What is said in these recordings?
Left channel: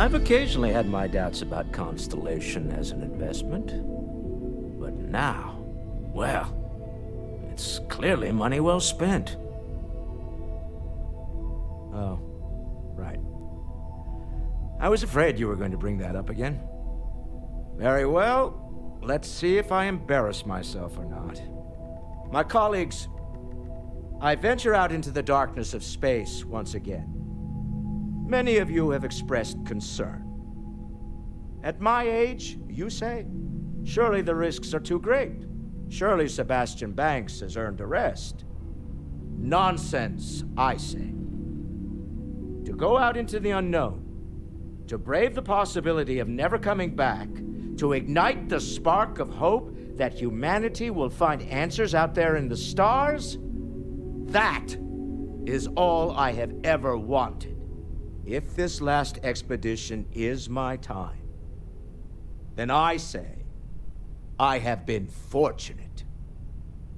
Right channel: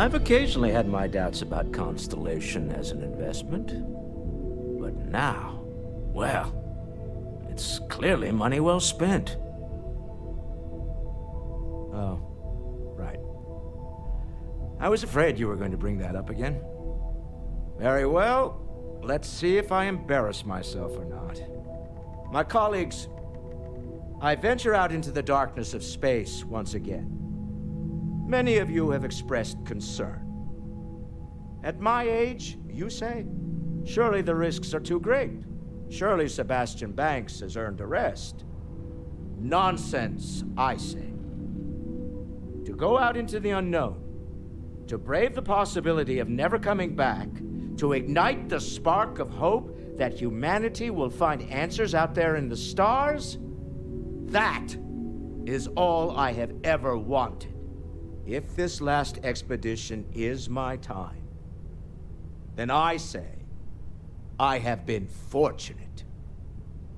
I've occasionally had my doubts about Constellation as an investment. But now, well, it's clearly money well spent. Oh, right. I was afraid you were going to bring that up again. Very well. Let's see if I embarrass myself or not. My colleagues, I venture out into the darkness of space once again. Many of you have expressed concern. At my age, you say, surely the risks are too great. Surely Sebastian Banks has earned a rest. Nonsense, I say. To go out into the unknown, to brave the possibility of never coming back, to ignite the spark of hope that humanity will find answers out there in the stars, that is all I have ever wanted. If this last expedition is my time, then I say, I have been fortunate.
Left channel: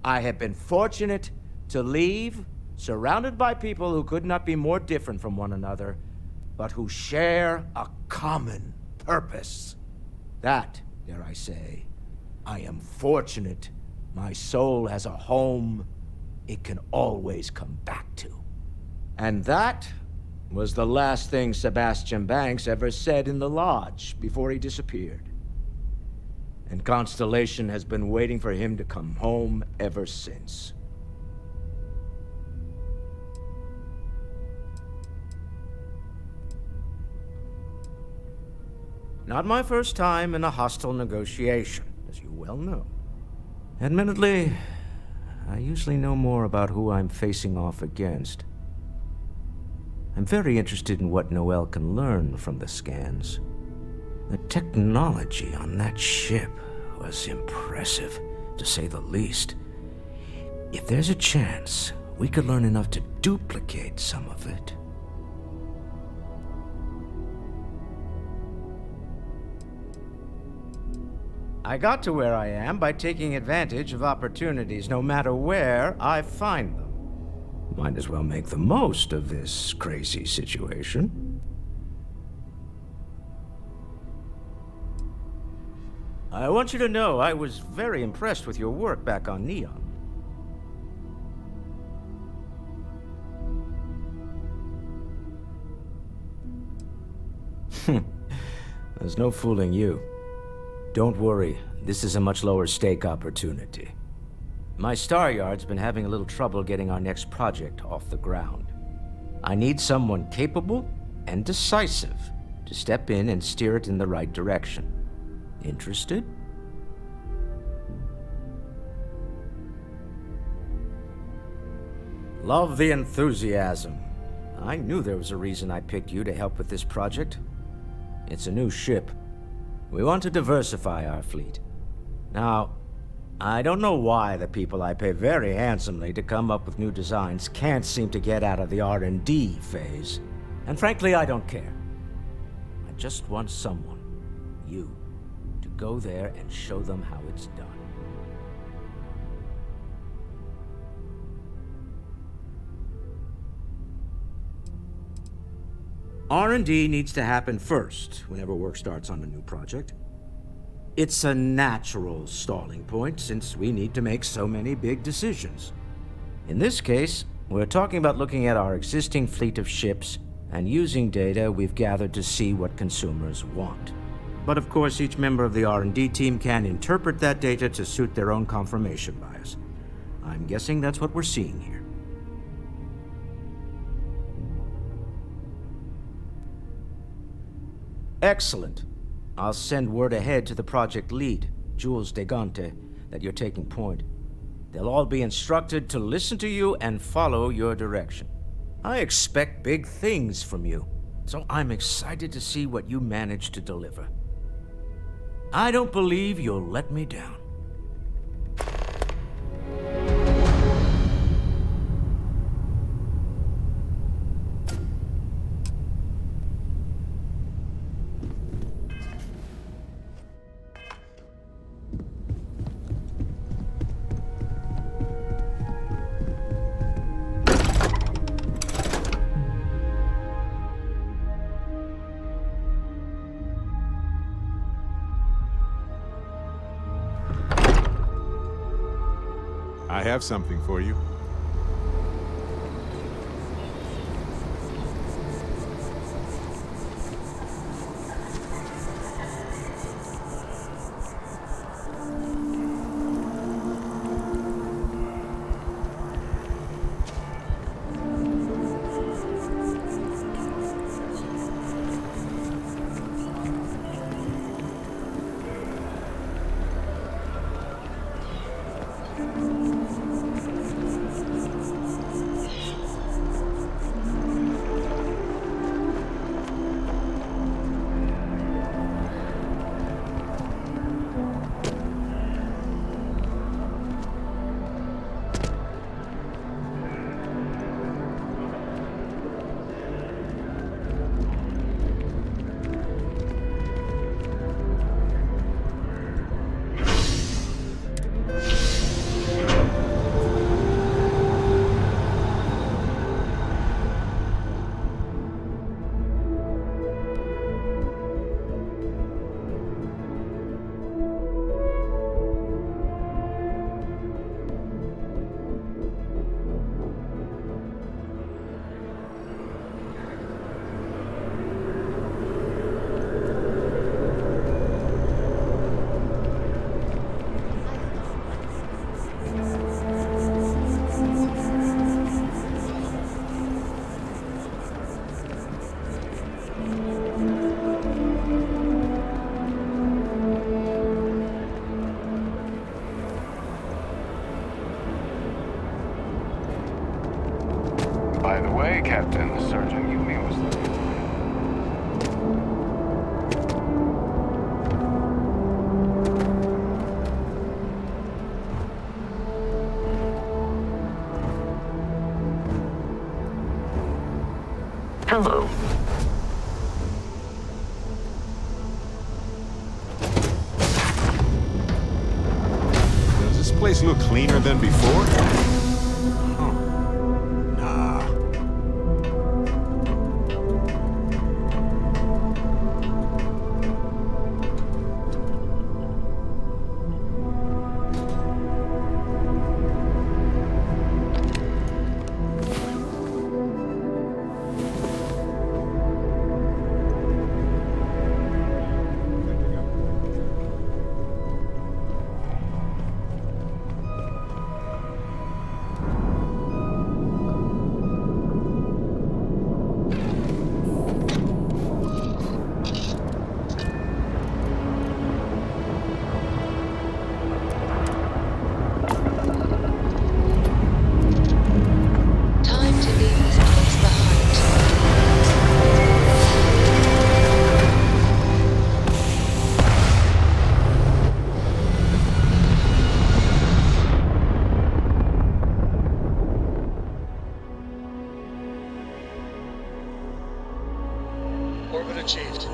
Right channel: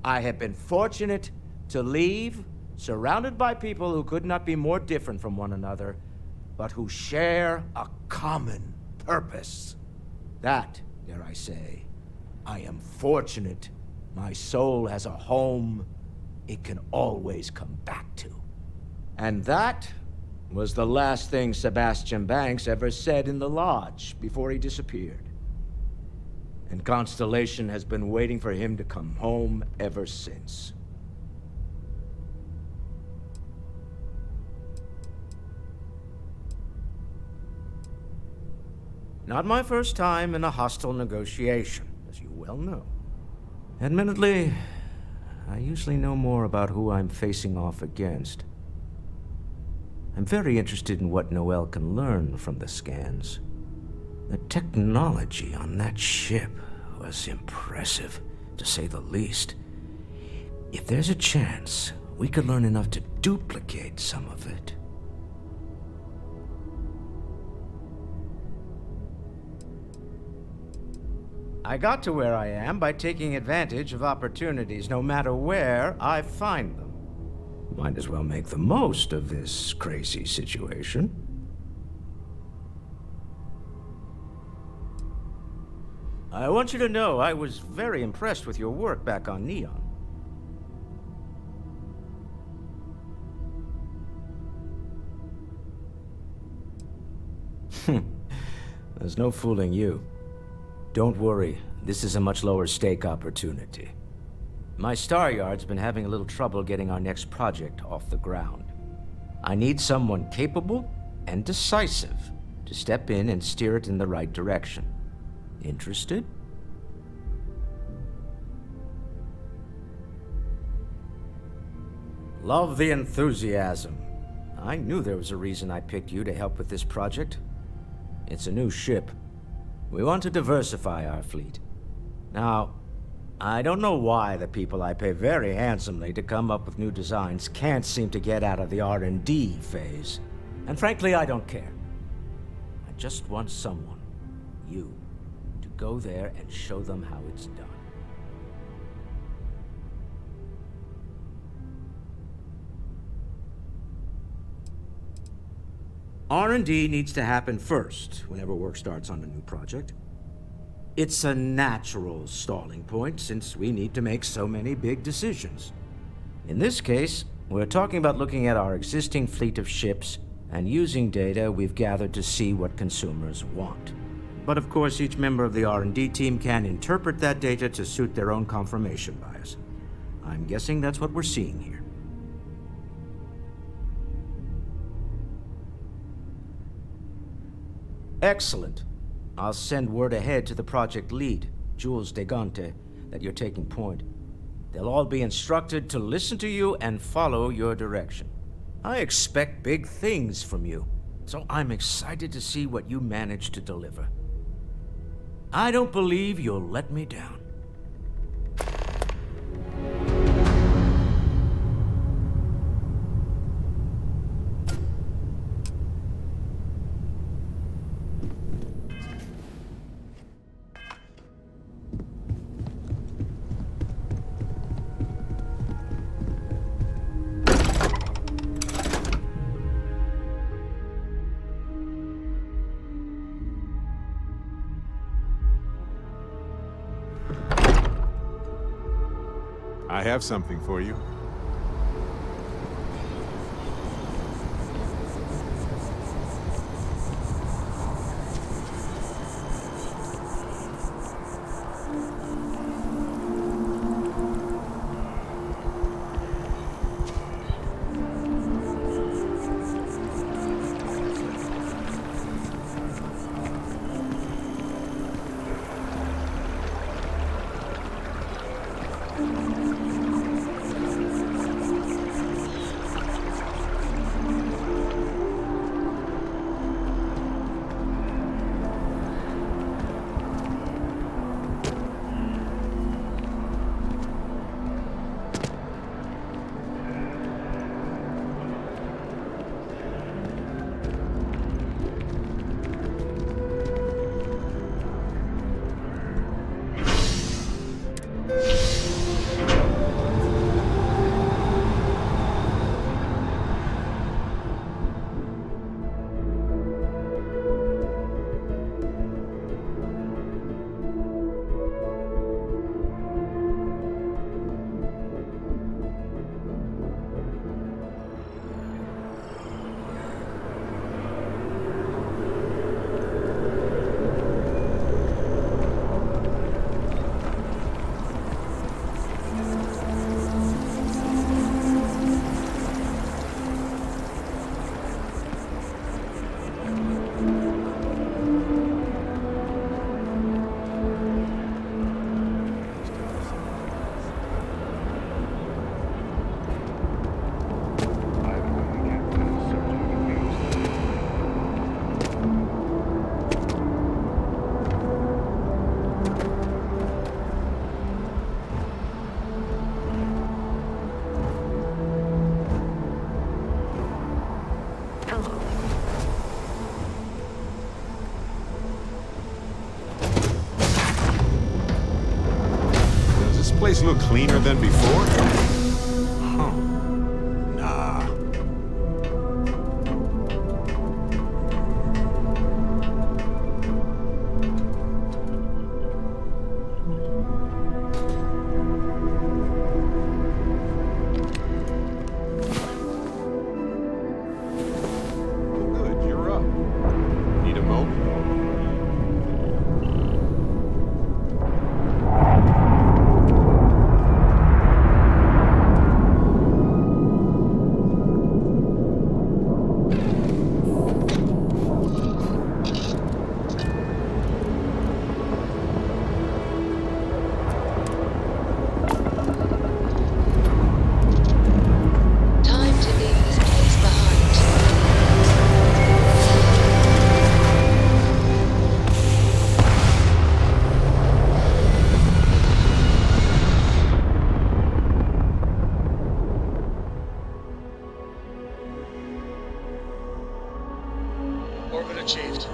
I have been fortunate to leave, surrounded by people who could not be more different from one another, but who share a common purpose. That, dare I say, I am fortunate. My soul has a home it can always come back to. And that was the last thing Sebastian Banks ever said in the lodge before he disappeared. And Constellation has been waiting for him to come home ever since. Not my first time in a hostile negotiation, as you well know. Admittedly, I usually know more about who I'm facing off against. I'm very interested in what Noel can learn from the scans. The technology on that ship was impressive, to say the least. If there's a chance, we could learn enough to duplicate some of it. I got to where I am by taking advantage of opportunities, no matter where I find them. Might as well make the most of this crazy situation. I want you to know I was very impressed with your work back on Neon. There's no fooling you. Don't worry, this is a much lower stake opportunity. My Star Yard's been having a little trouble getting our next project off the ground. I need someone capable and decisive to step in and steer it in the right direction. Interested? Love the enthusiasm. I knew there was a reason I picked you to help with this project. It's a new ship. We want to diversify our fleet. Now, I don't know why the people I pay very handsomely to come up with new designs can't seem to get out of the R&D phase. And frankly, I don't care. I just want someone, you, to go there and show them how it's done. R&D needs to happen first whenever work starts on a new project. It's a natural stalling point since we need to make so many big decisions. In this case, we're talking about looking at our existing fleet of ships and using data we've gathered to see what consumers want. But of course, each member of the R&D team can interpret that data to suit their own confirmation bias. I'm guessing that's what we're seeing here. Excellent. I'll send word ahead to the project lead, Jules Degante, that you're taking point. They'll all be instructed to listen to you and follow your direction. I expect big things from you, so I'm excited to see what you manage to deliver. I don't believe you'll let me down. I have something for you. By the way, Captain, Sergeant Williams. Hello. Does this place look cleaner than before? Huh. Nah. Oh, good. You're up. Need a moment? Or are you good to go? Time to leave this place behind. Orbit achieved.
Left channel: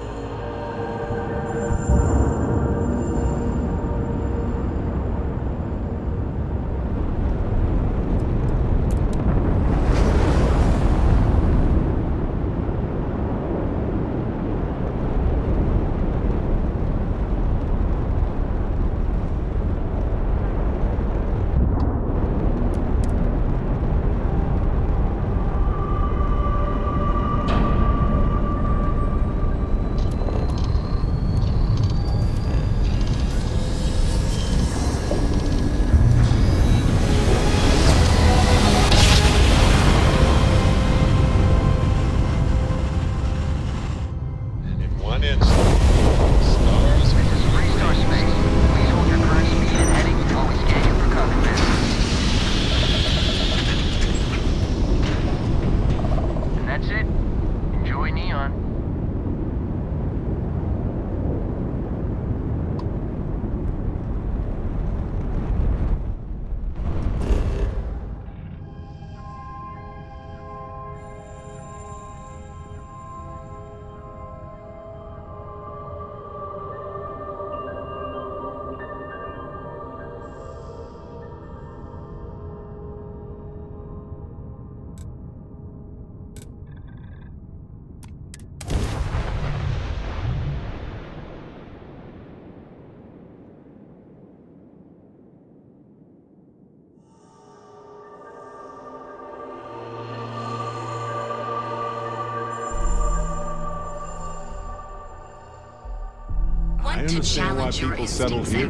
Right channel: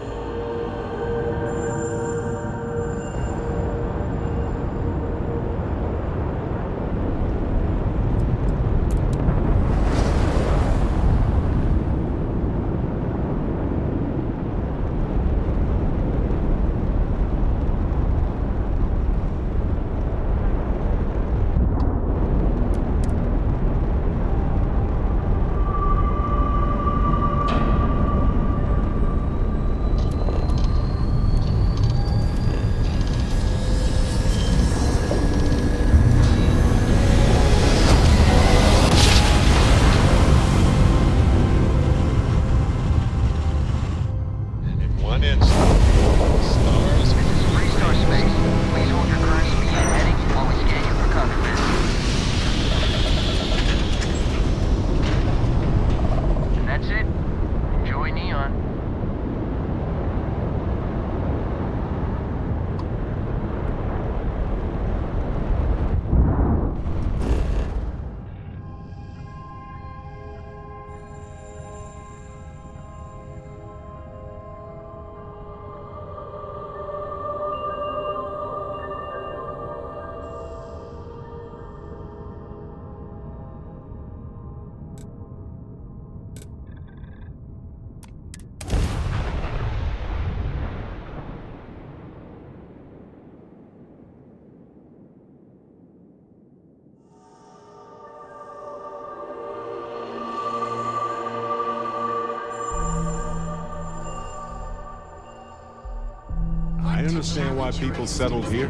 I understand why people settled here,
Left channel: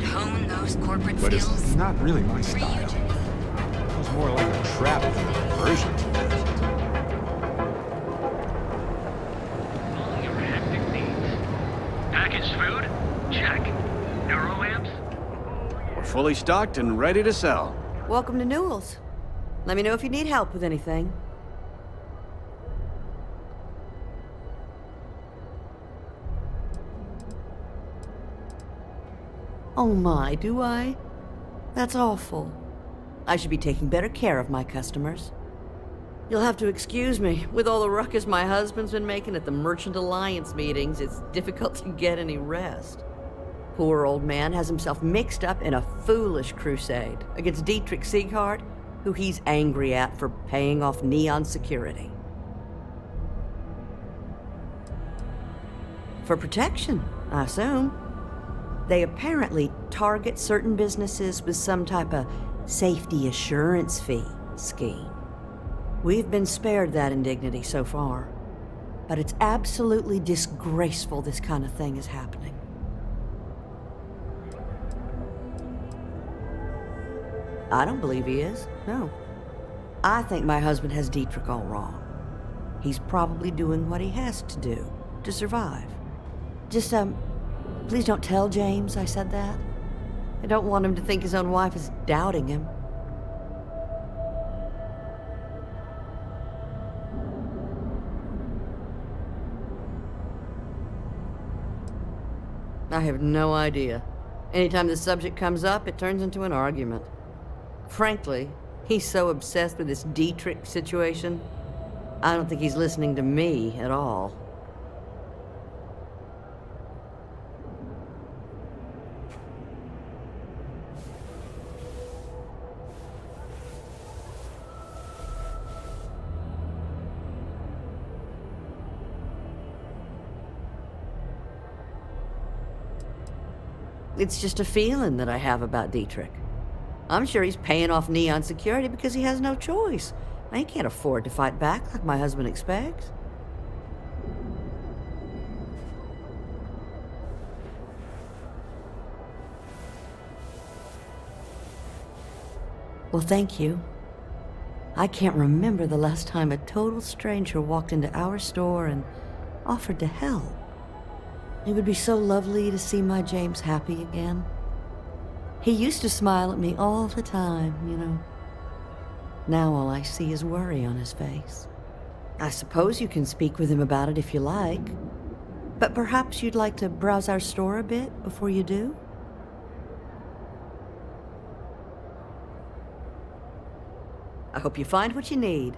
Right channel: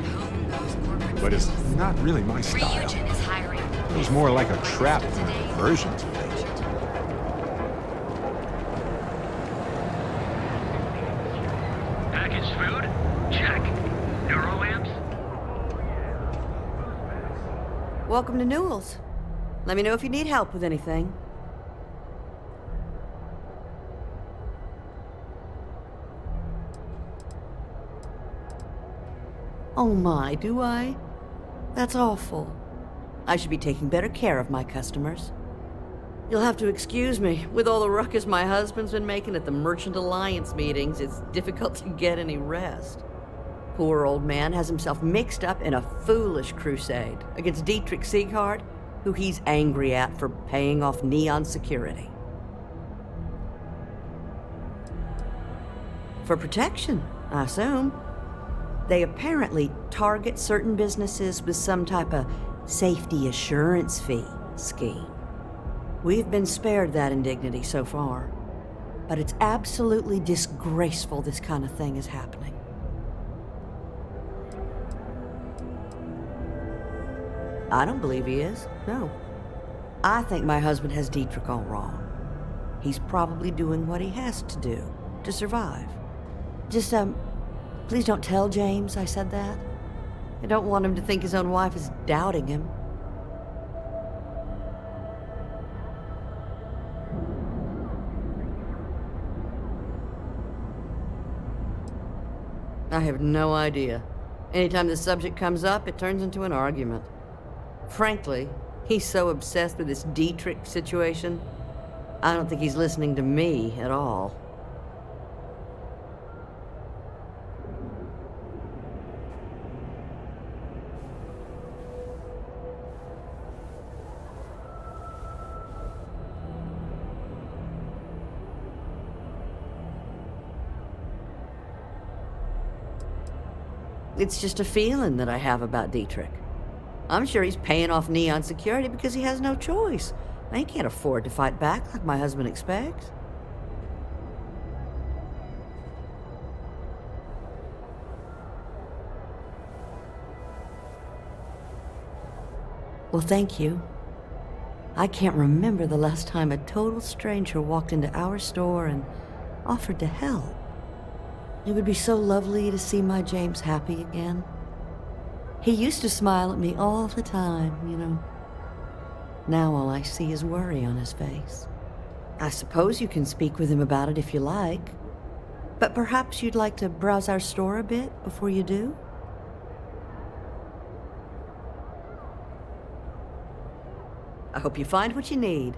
but it's not really my style. It was more like a trap than a diversion to me. Packaged food? Check. Neuroamps? We're fully stocked and ready to sell. Welcome to Newell's. Let me know if you need help with anything. Oh my, do I? That's awful. I should be taking better care of my customers. You'll have to excuse me. With all the ruckus my husband's been making at the Merchant Alliance meetings, it's difficult to get any rest. Poor old man has himself mixed up in a foolish crusade against Dietrich Sieghart, who he's angry at for paying off Neon security. For protection, I assume. They apparently target certain businesses with some type of safety assurance fee scheme. We've been spared that indignity so far, but it's absolutely disgraceful this kind of thing is happening. I don't believe he is, no. I think my husband has Dietrich all wrong. He's probably doing what he has to do to survive. Just, please don't tell James I said that. I don't want him to think his own wife is doubting him. I have no idea. Anytime the subject comes up, it turns into an argument. Frankly, he's so obsessed with this Dietrich situation, I don't think he's listening to me at all. It's just a feeling that I have about Dietrich. I'm sure he's paying off Neon security because he has no choice. He can't afford to fight back like my husband expects. Well, thank you. I can't remember the last time a total stranger walked into our store and offered to help. It would be so lovely to see my James happy again. He used to smile at me all the time, you know. Now all I see is worry on his face. I suppose you can speak with him about it if you like. But perhaps you'd like to browse our store a bit before you do? I hope you find what you need.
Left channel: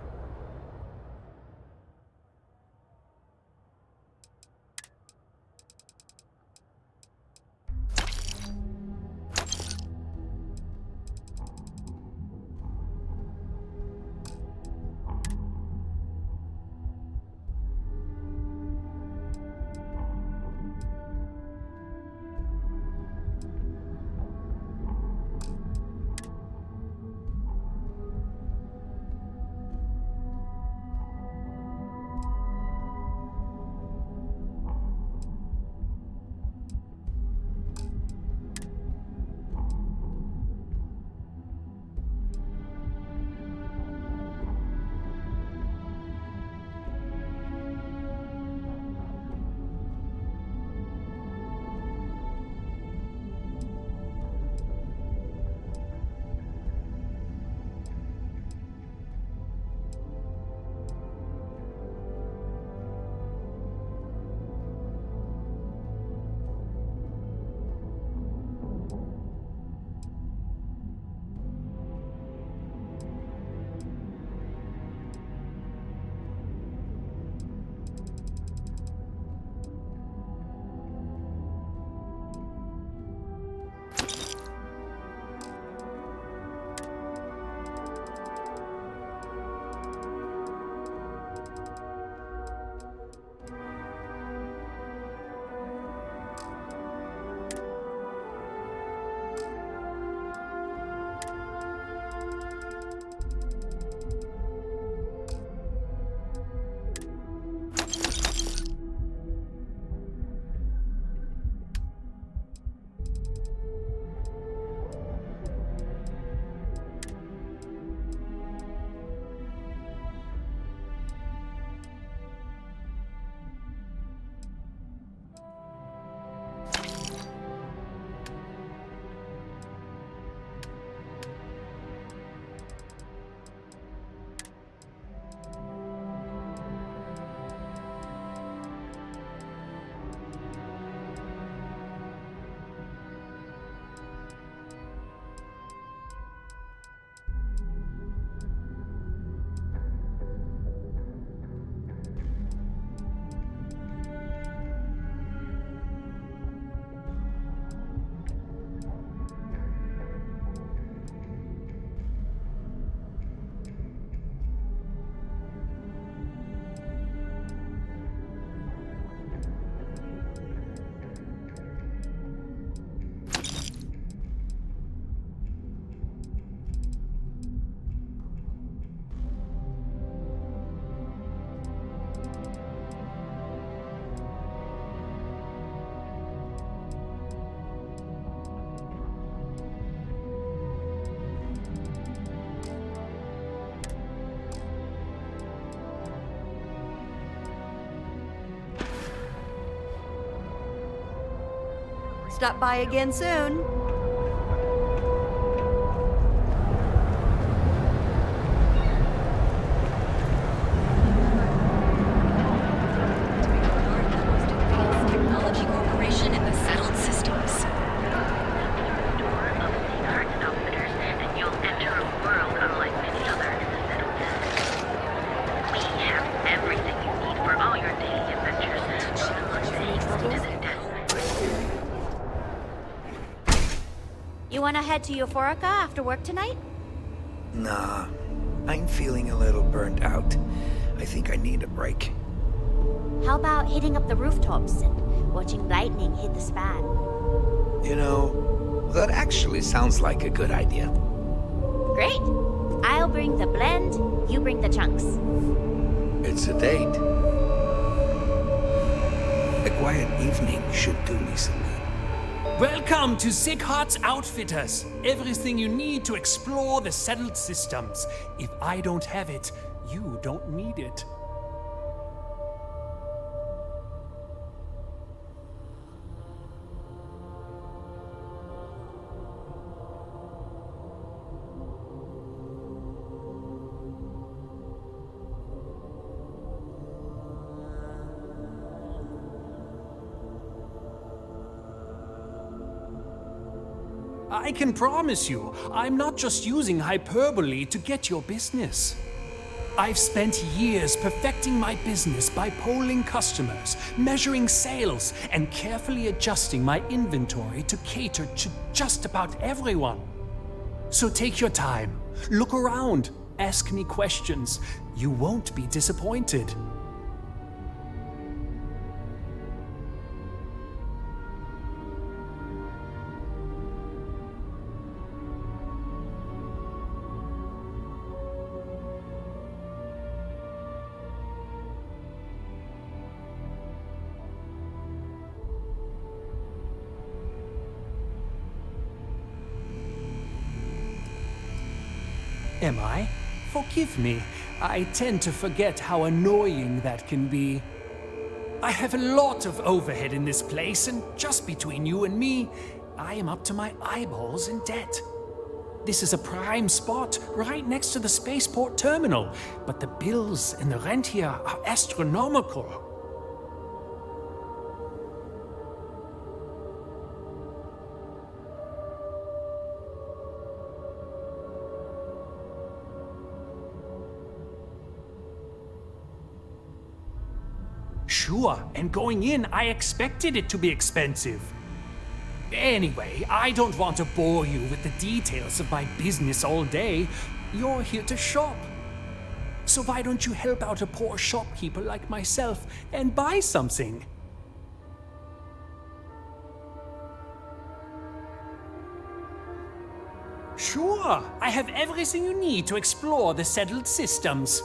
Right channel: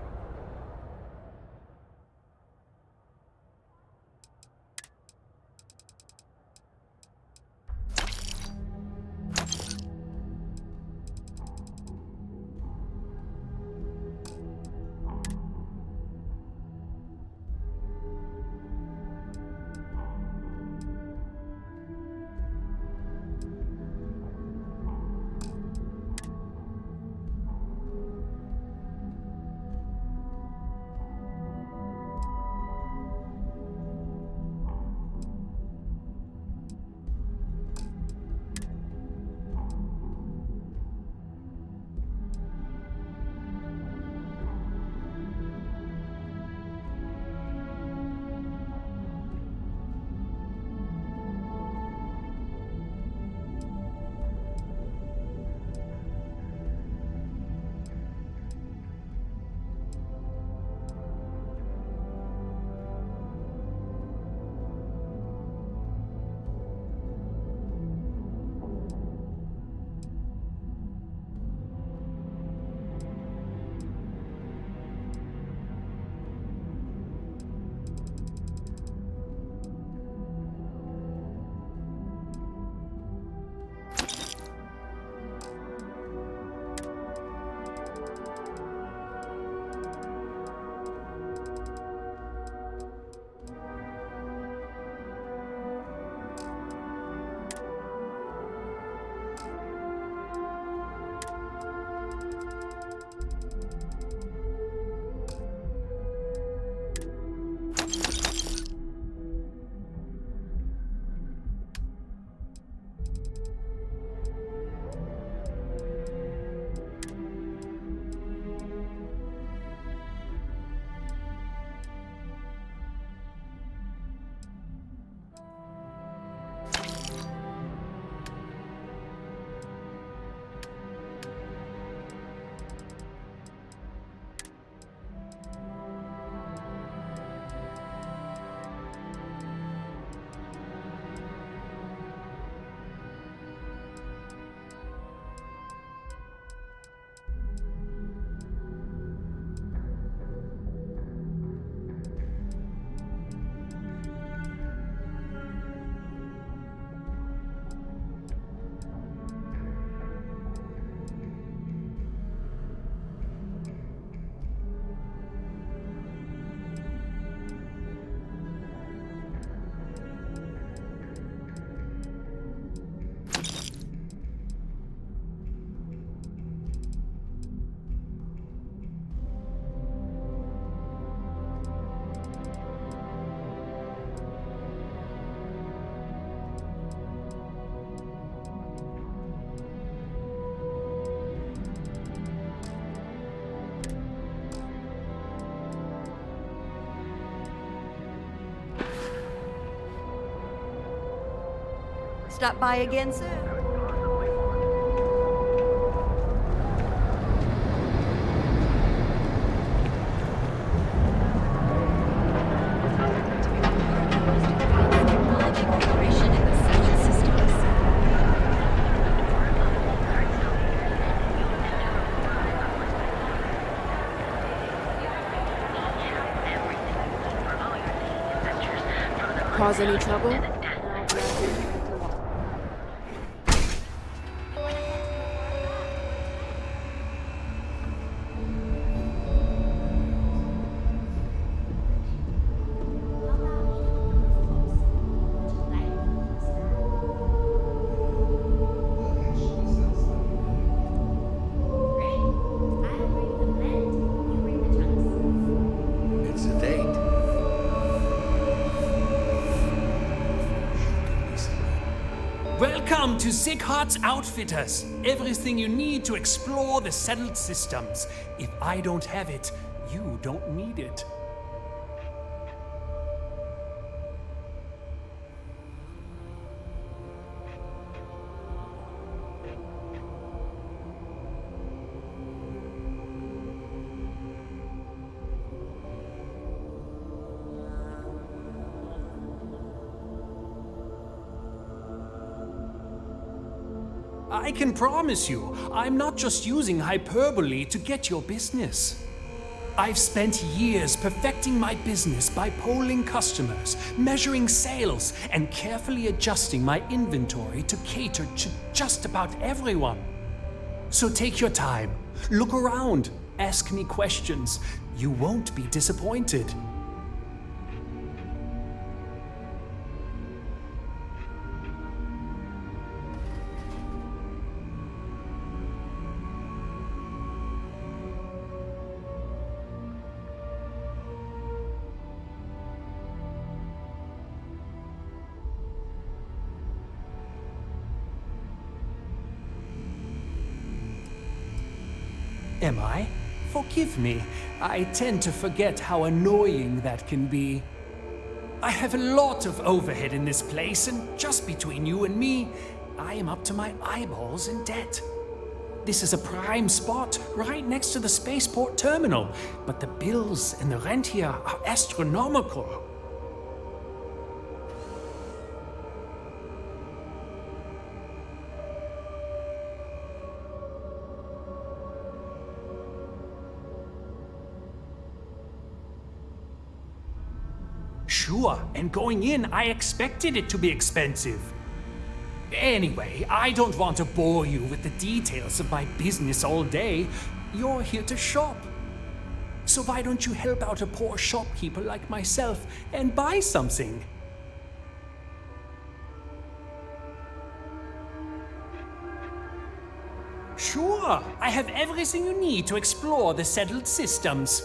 stop by again soon. To become part of the most advanced technology corporation in the settled systems. Door of the Hearts Outfitters, and you'll enter a world unlike any other in the settled system. We have everything you need for all your daily adventures, from the Cause any trouble? to the desperate. You wanna head to Euphorica after work tonight? Nah, I'm feeling a little burnt out. I think I need a break. How about hitting up the rooftops and watching lightning hit the span? You know, that actually sounds like a good idea. Great. I'll bring the blend, you bring the chunks. It's a date. A quiet evening should do me some good. Welcome to Sick Hearts Outfitters. Everything you need to explore the settled systems. If I don't have it, you don't need it. I can promise you, I'm not just using hyperbole to get your business. I've spent years perfecting my business by polling customers, measuring sales, and carefully adjusting my inventory to cater to just about everyone. So take your time, look around, ask me questions. You won't be disappointed. Am I? Forgive me. I tend to forget how annoying that can be. I have a lot of overhead in this place, and just between you and me, I am up to my eyeballs in debt. This is a prime spot, right next to the spaceport terminal, but the bills and the rent here are astronomical. Sure, and going in, I expected it to be expensive. Anyway, I don't want to bore you with the details of my business all day. You're here to shop. So why don't you help out a poor shopkeeper like myself and buy something? Sure, I have everything you need to explore the settled systems.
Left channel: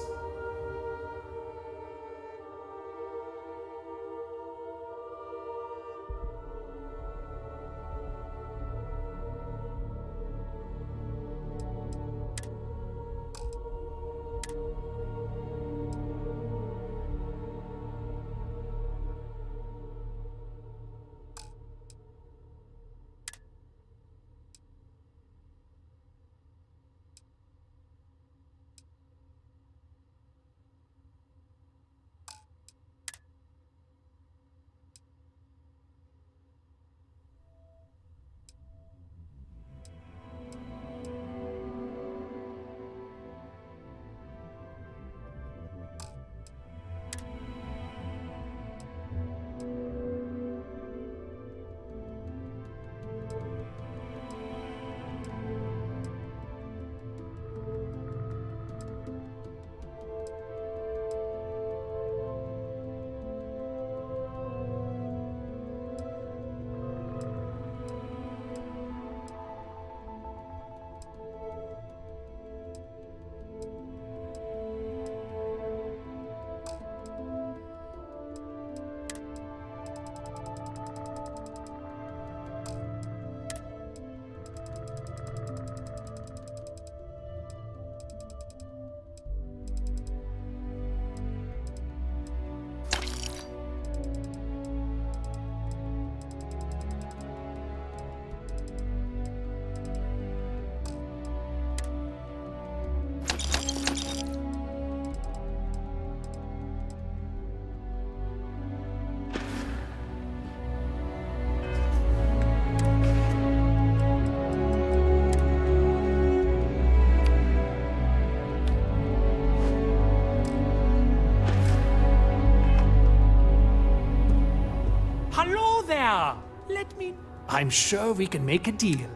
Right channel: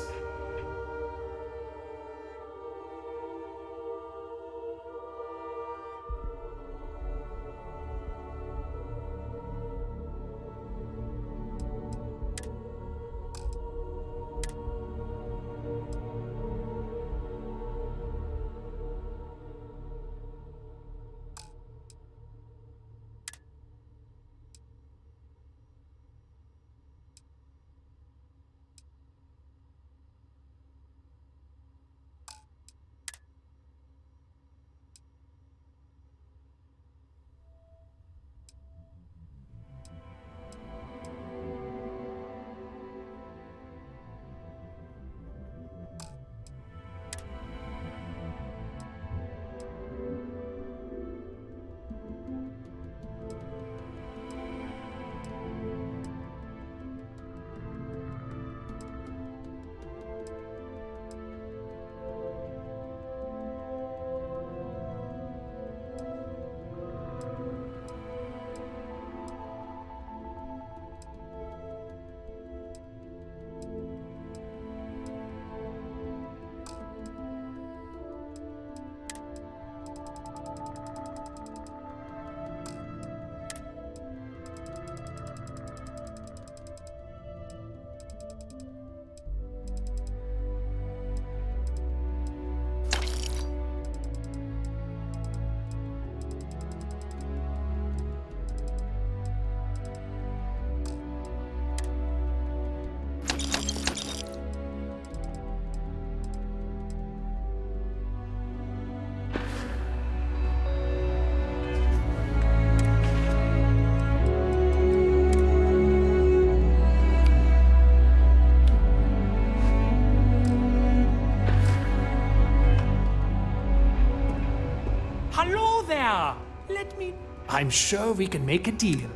yeah! Let me... I'm sure we can make a deal.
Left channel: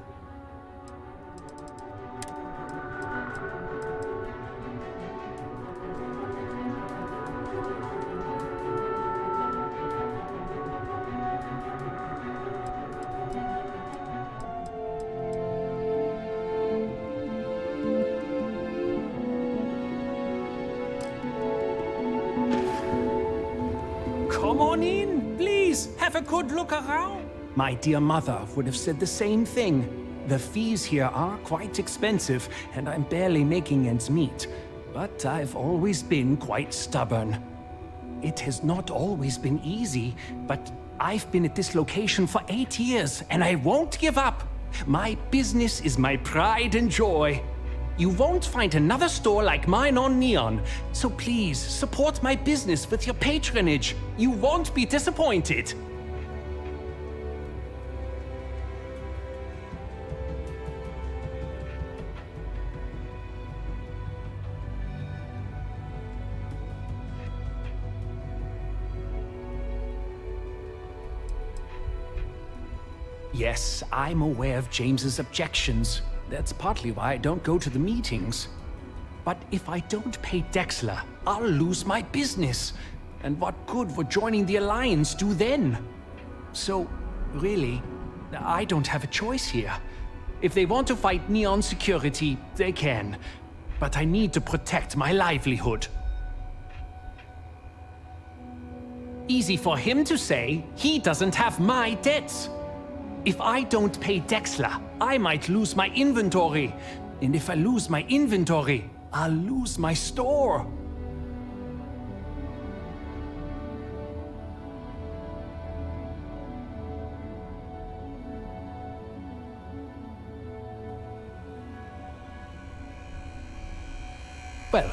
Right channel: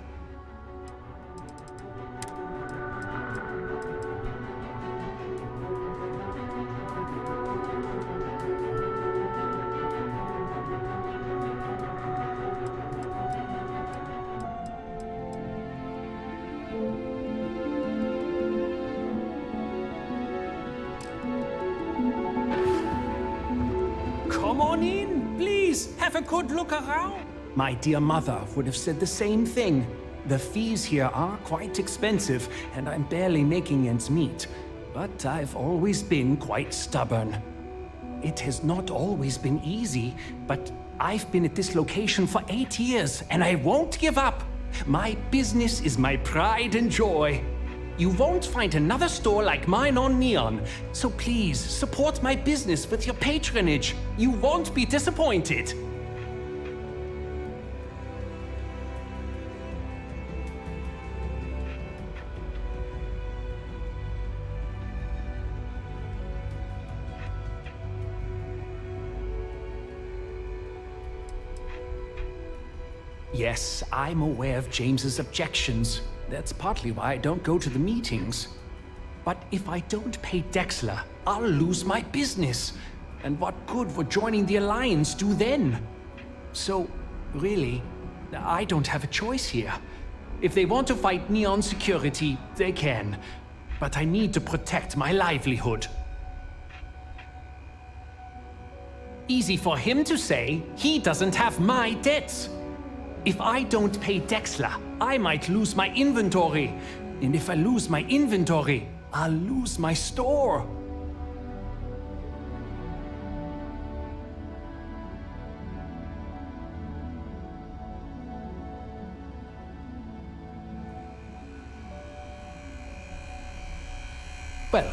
Come on in, please. Have a good look around. My dear mother would have said the same thing. The fees here are quite expensive, and I'm barely making ends meet. But I've always been quite stubborn. It has not always been easy, but I've been at this location for 8 years, and I won't give up. My business is my pride and joy. You won't find another store like mine on Neon. So please, support my business with your patronage. You won't be disappointed. Yes, I'm aware of James's objections. That's partly why I don't go to the meetings. But if I don't pay Dexler, I'll lose my business. And what good would joining the Alliance do then? So, really, I don't have a choice here. If they want to fight Neon Security, they can. But I need to protect my livelihood. Easy for him to say, he doesn't have my debts. If I don't pay Dexler, I might lose my inventory. And if I lose my inventory, I'll lose my store. Well,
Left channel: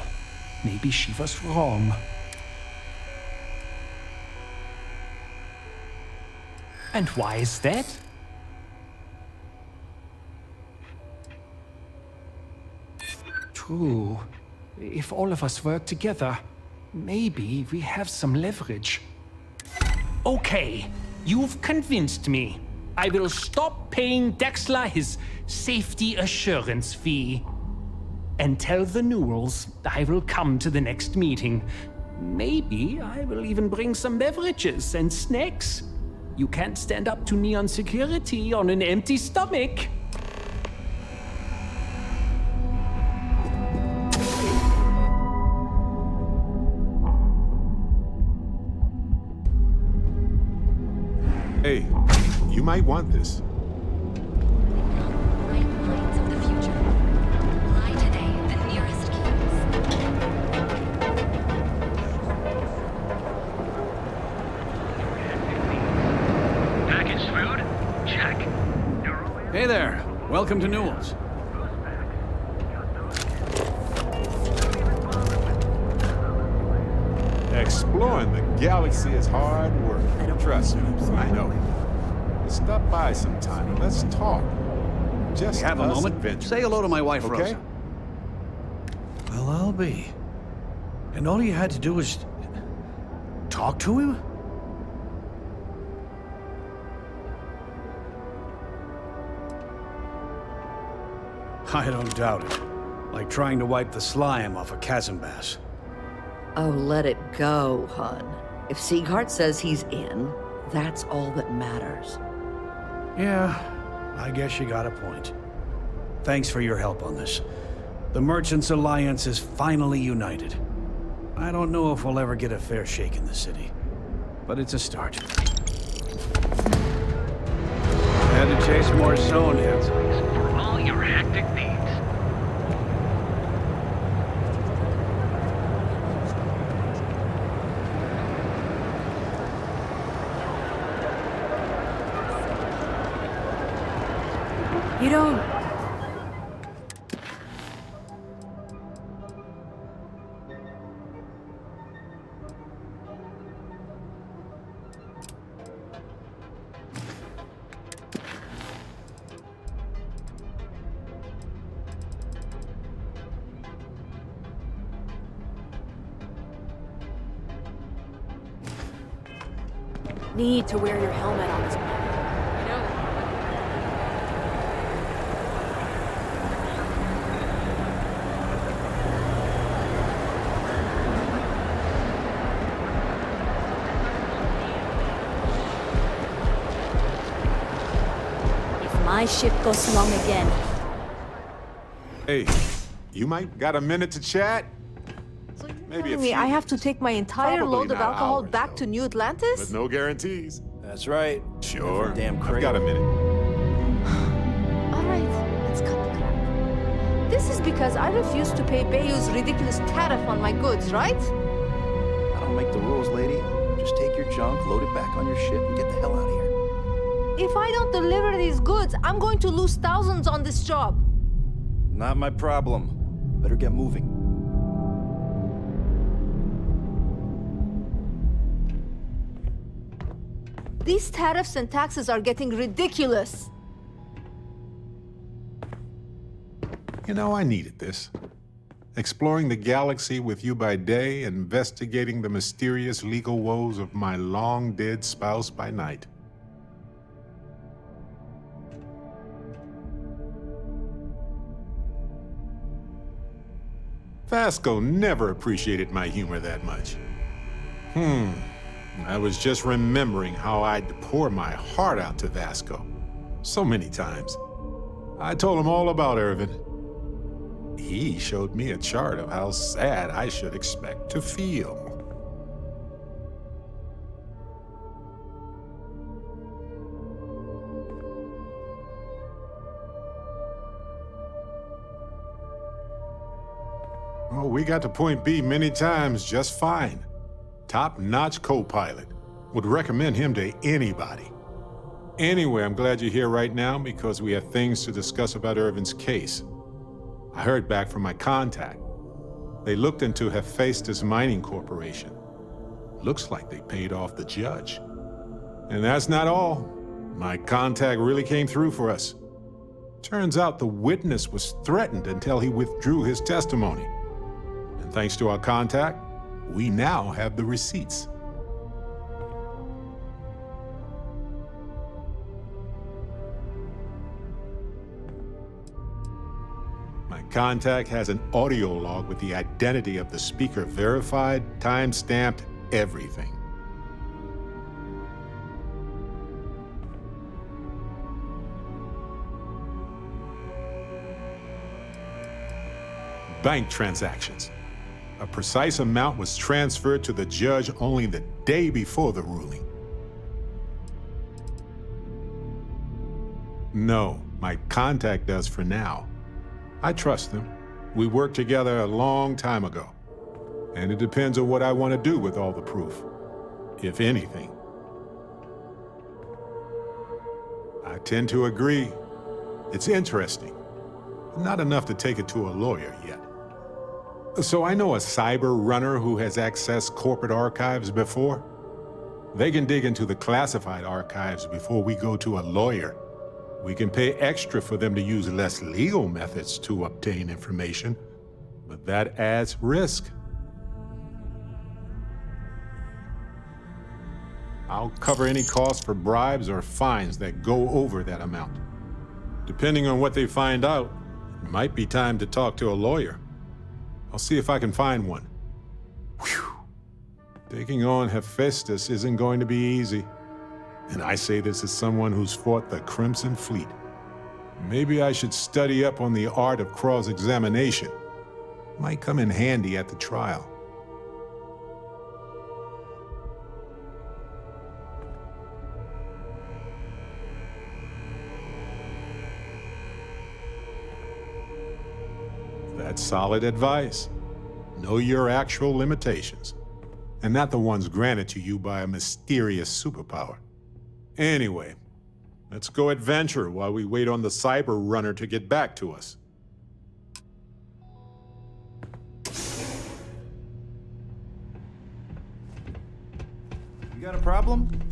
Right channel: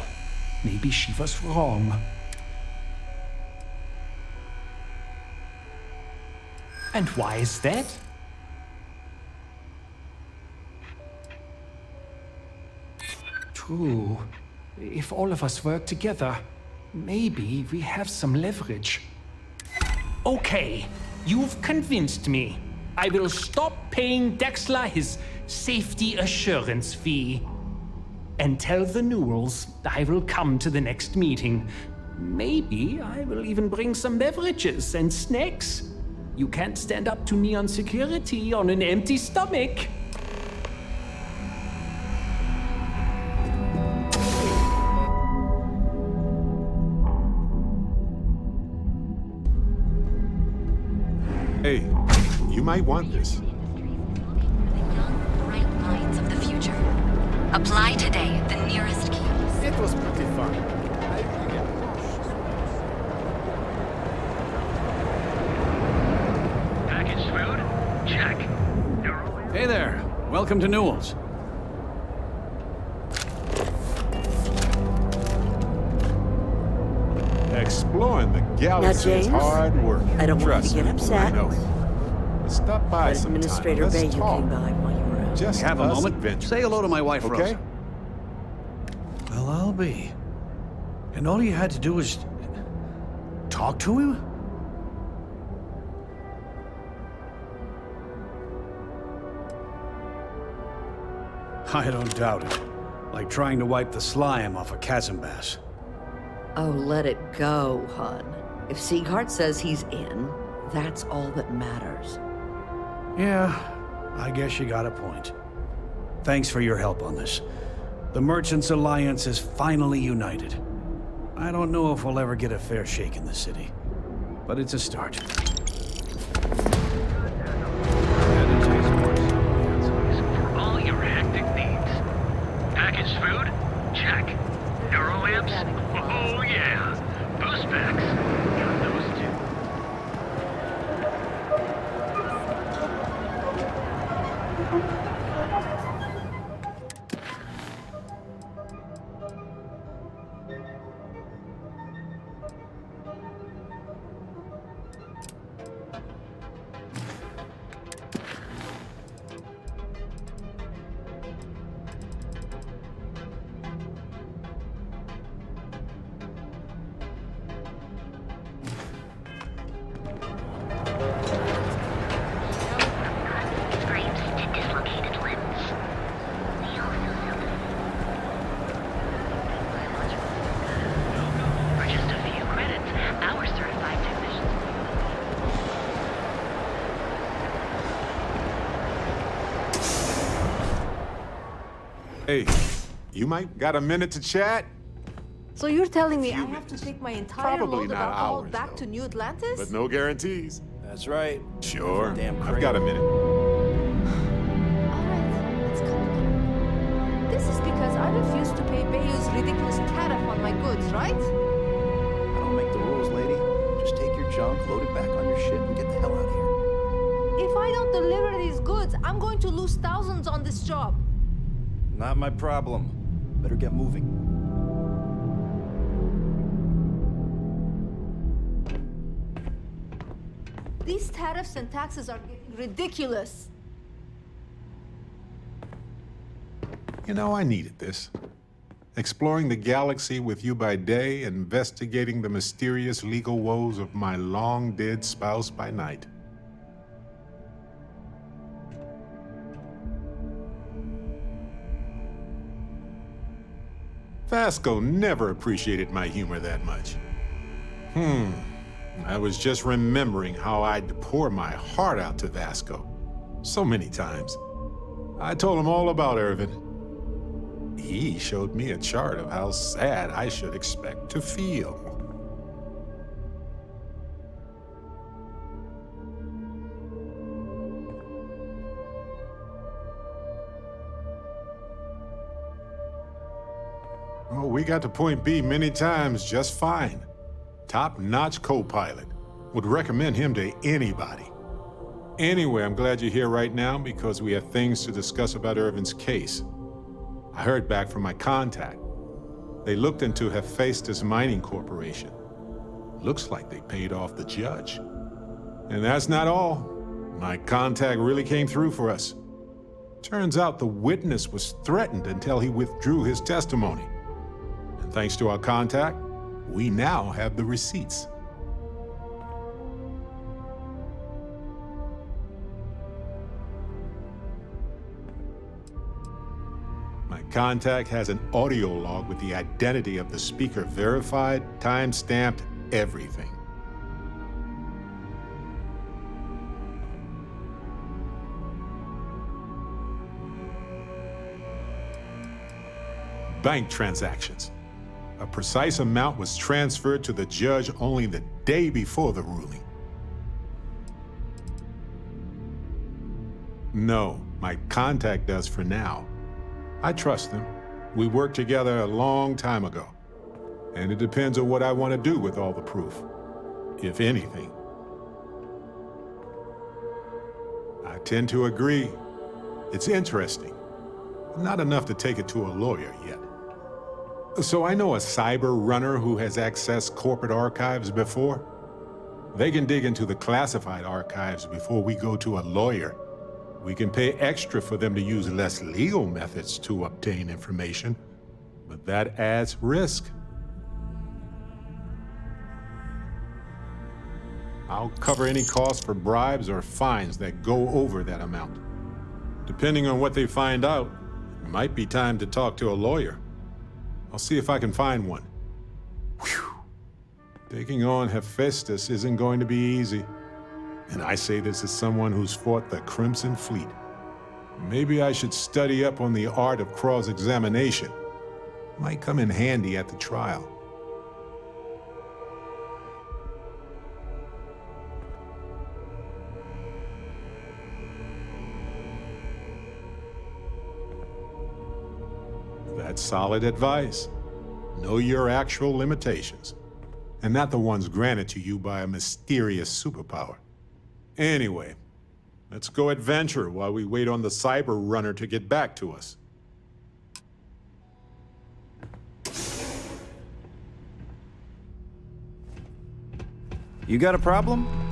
maybe she was wrong. And why is that? True. If all of us work together, maybe we have some leverage. Okay, you've convinced me. I will stop paying Dexler his safety assurance fee. And tell the Newells I will come to the next meeting. Maybe I will even bring some beverages and snacks. You can't stand up to Neon Security on an empty stomach. Hey, you might want this. Bright minds of the future. Apply today at the nearest key. Packaged food? Check. Hey there. Welcome to Newell's. Exploring the galaxy is James, hard work. I don't want Trust you to get me, upset. I know. But stop by sometime. Administrator Let's Vega talk. came by while you were out. Just Have a us moment. adventurers. Say hello to my wife, Okay? Rosa. Well, I'll be. And all you had to do was talk to him? I don't doubt it. Like trying to wipe the slime off a chasm bass. Oh, let it go, hun. If Sieghart says he's in, that's all that matters. Yeah, I guess you got a point. Thanks for your help on this. The Merchants Alliance is finally united. I don't know if we'll ever get a fair shake in the city, but it's a start. Glad to taste more stoneheads. For all your hectic needs. Packaged food? Check. Neuroamps? Oh yeah. Boost packs? Got those too. You don't... Need to wear your helmet on this planet. ship goes wrong again. Hey, you might got a minute to chat? So you're telling me I have to take my entire Probably load of not alcohol ours, back though. to New Atlantis? But no guarantees. That's right. Sure. Damn I've crate. got a minute. All right, let's cut the crap. This is because I refuse to pay Bayou's ridiculous tariff on my goods, right? I don't make the rules, lady. Just take your junk, load it back on your ship, and get the hell out of here. If I don't deliver these goods, I'm going to lose thousands on this job. Not my problem. Better get moving. These tariffs and taxes are getting ridiculous. You know, I needed this. Exploring the galaxy with you by day, investigating the mysterious legal woes of my long-dead spouse by night. Vasco never appreciated my humor that much. I was just remembering how I'd pour my heart out to Vasco so many times. I told him all about Irvin. He showed me a chart of how sad I should expect to feel. Oh, we got to point B many times just fine. Top-notch co-pilot. Would recommend him to anybody. Anyway, I'm glad you're here right now because we have things to discuss about Irvin's case. I heard back from my contact. They looked into Hephaestus Mining Corporation. Looks like they paid off the judge. And that's not all. My contact really came through for us. Turns out the witness was threatened until he withdrew his testimony. And thanks to our contact, we now have the receipts. My contact has an audio log with the identity of the speaker verified, time-stamped, everything. Bank transactions. A precise amount was transferred to the judge only the day before the ruling. No, my contact does for now. I trust them. We worked together a long time ago. And it depends on what I want to do with all the proof, if anything. I tend to agree. It's interesting, but not enough to take it to a lawyer yet. So I know a cyber runner who has accessed corporate archives before. They can dig into the classified archives before we go to a lawyer. We can pay extra for them to use less legal methods to obtain information, but that adds risk. I'll cover any costs for bribes or fines that go over that amount. Depending on what they find out, it might be time to talk to a lawyer. I'll see if I can find one. Whew. Taking on Hephaestus isn't going to be easy. And I say this as someone who's fought the Crimson Fleet. Maybe I should study up on the art of cross-examination. Might come in handy at the trial. That's solid advice. Know your actual limitations, and not the ones granted to you by a mysterious superpower. Anyway, let's go adventure while we wait on the cyber runner to get back to us. You got a problem?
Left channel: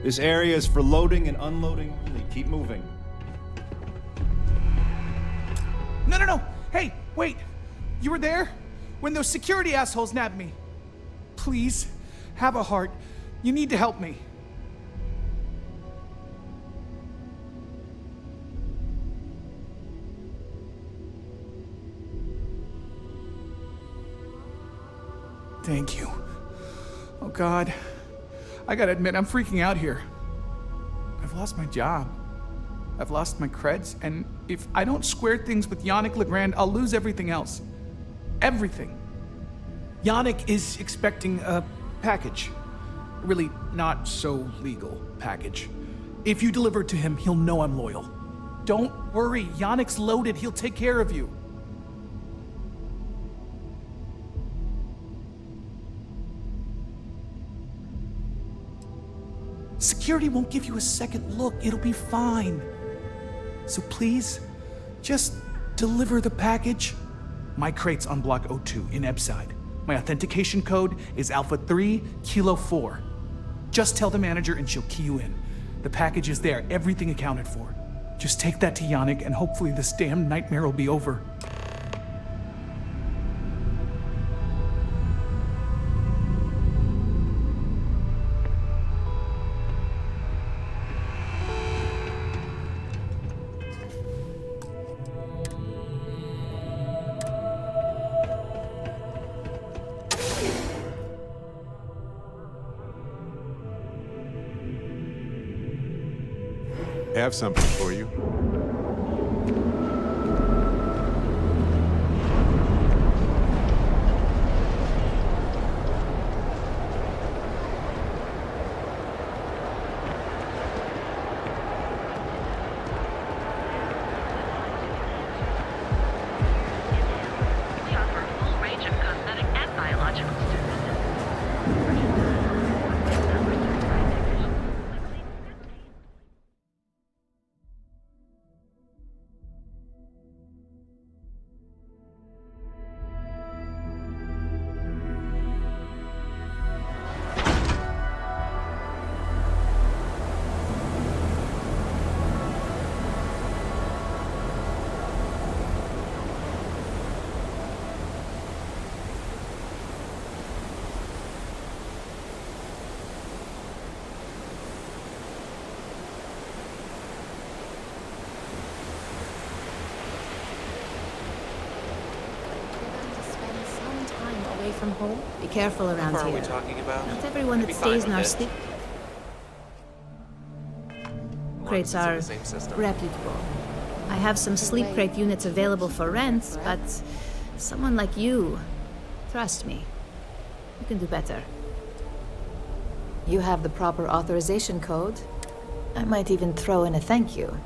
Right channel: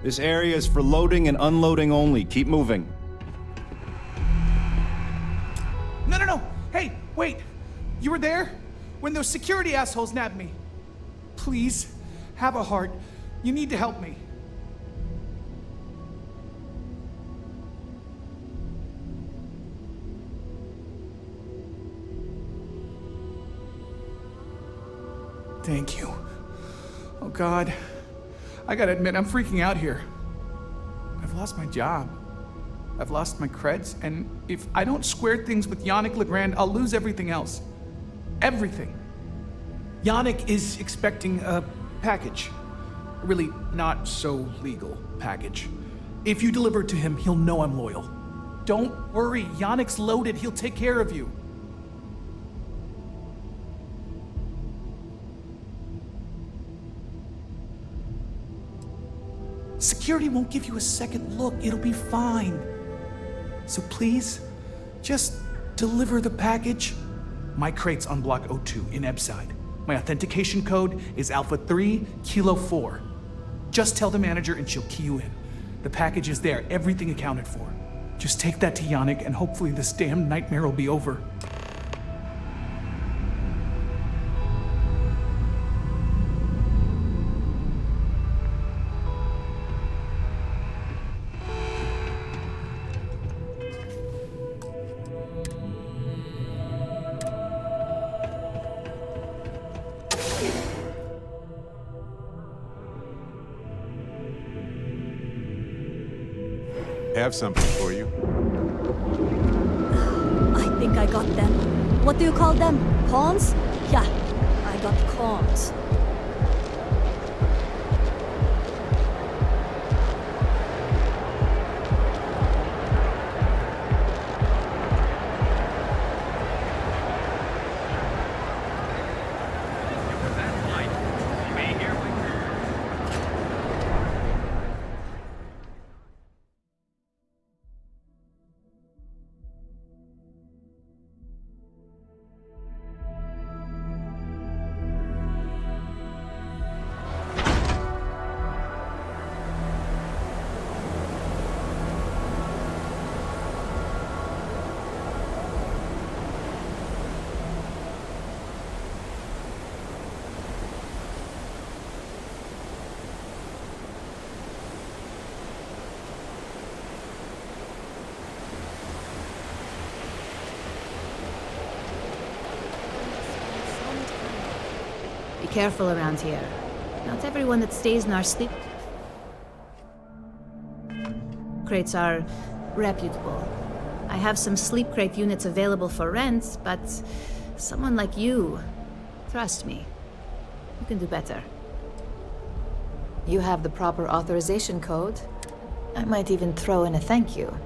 This area is for loading and unloading only. Keep moving. No. Hey, wait. You were there when those security assholes nabbed me. Please, have a heart. You need to help me. Thank you. Oh, God. I gotta admit, I'm freaking out here. I've lost my job. I've lost my creds, and if I don't square things with Yannick Legrand, I'll lose everything else. Everything. Yannick is expecting a package. A really not so legal package. If you deliver it to him, he'll know I'm loyal. Don't worry, Yannick's loaded. He'll take care of you. Security won't give you a second look. It'll be fine. So please, just deliver the package. My crate's on Block 02 in Ebside. My authentication code is Alpha 3 Kilo 4. Just tell the manager and she'll key you in. The package is there, everything accounted for. Just take that to Yannick and hopefully this damn nightmare will be over. Have something for you. I think I got them. What do you call them? Pawns? Yeah, I got pawns. Be careful around here. Not everyone that stays in our sleep crates are reputable. I have some sleep crate units available for rent, but someone like you, trust me, you can do better. You have the proper authorization code. I might even throw in a thank you.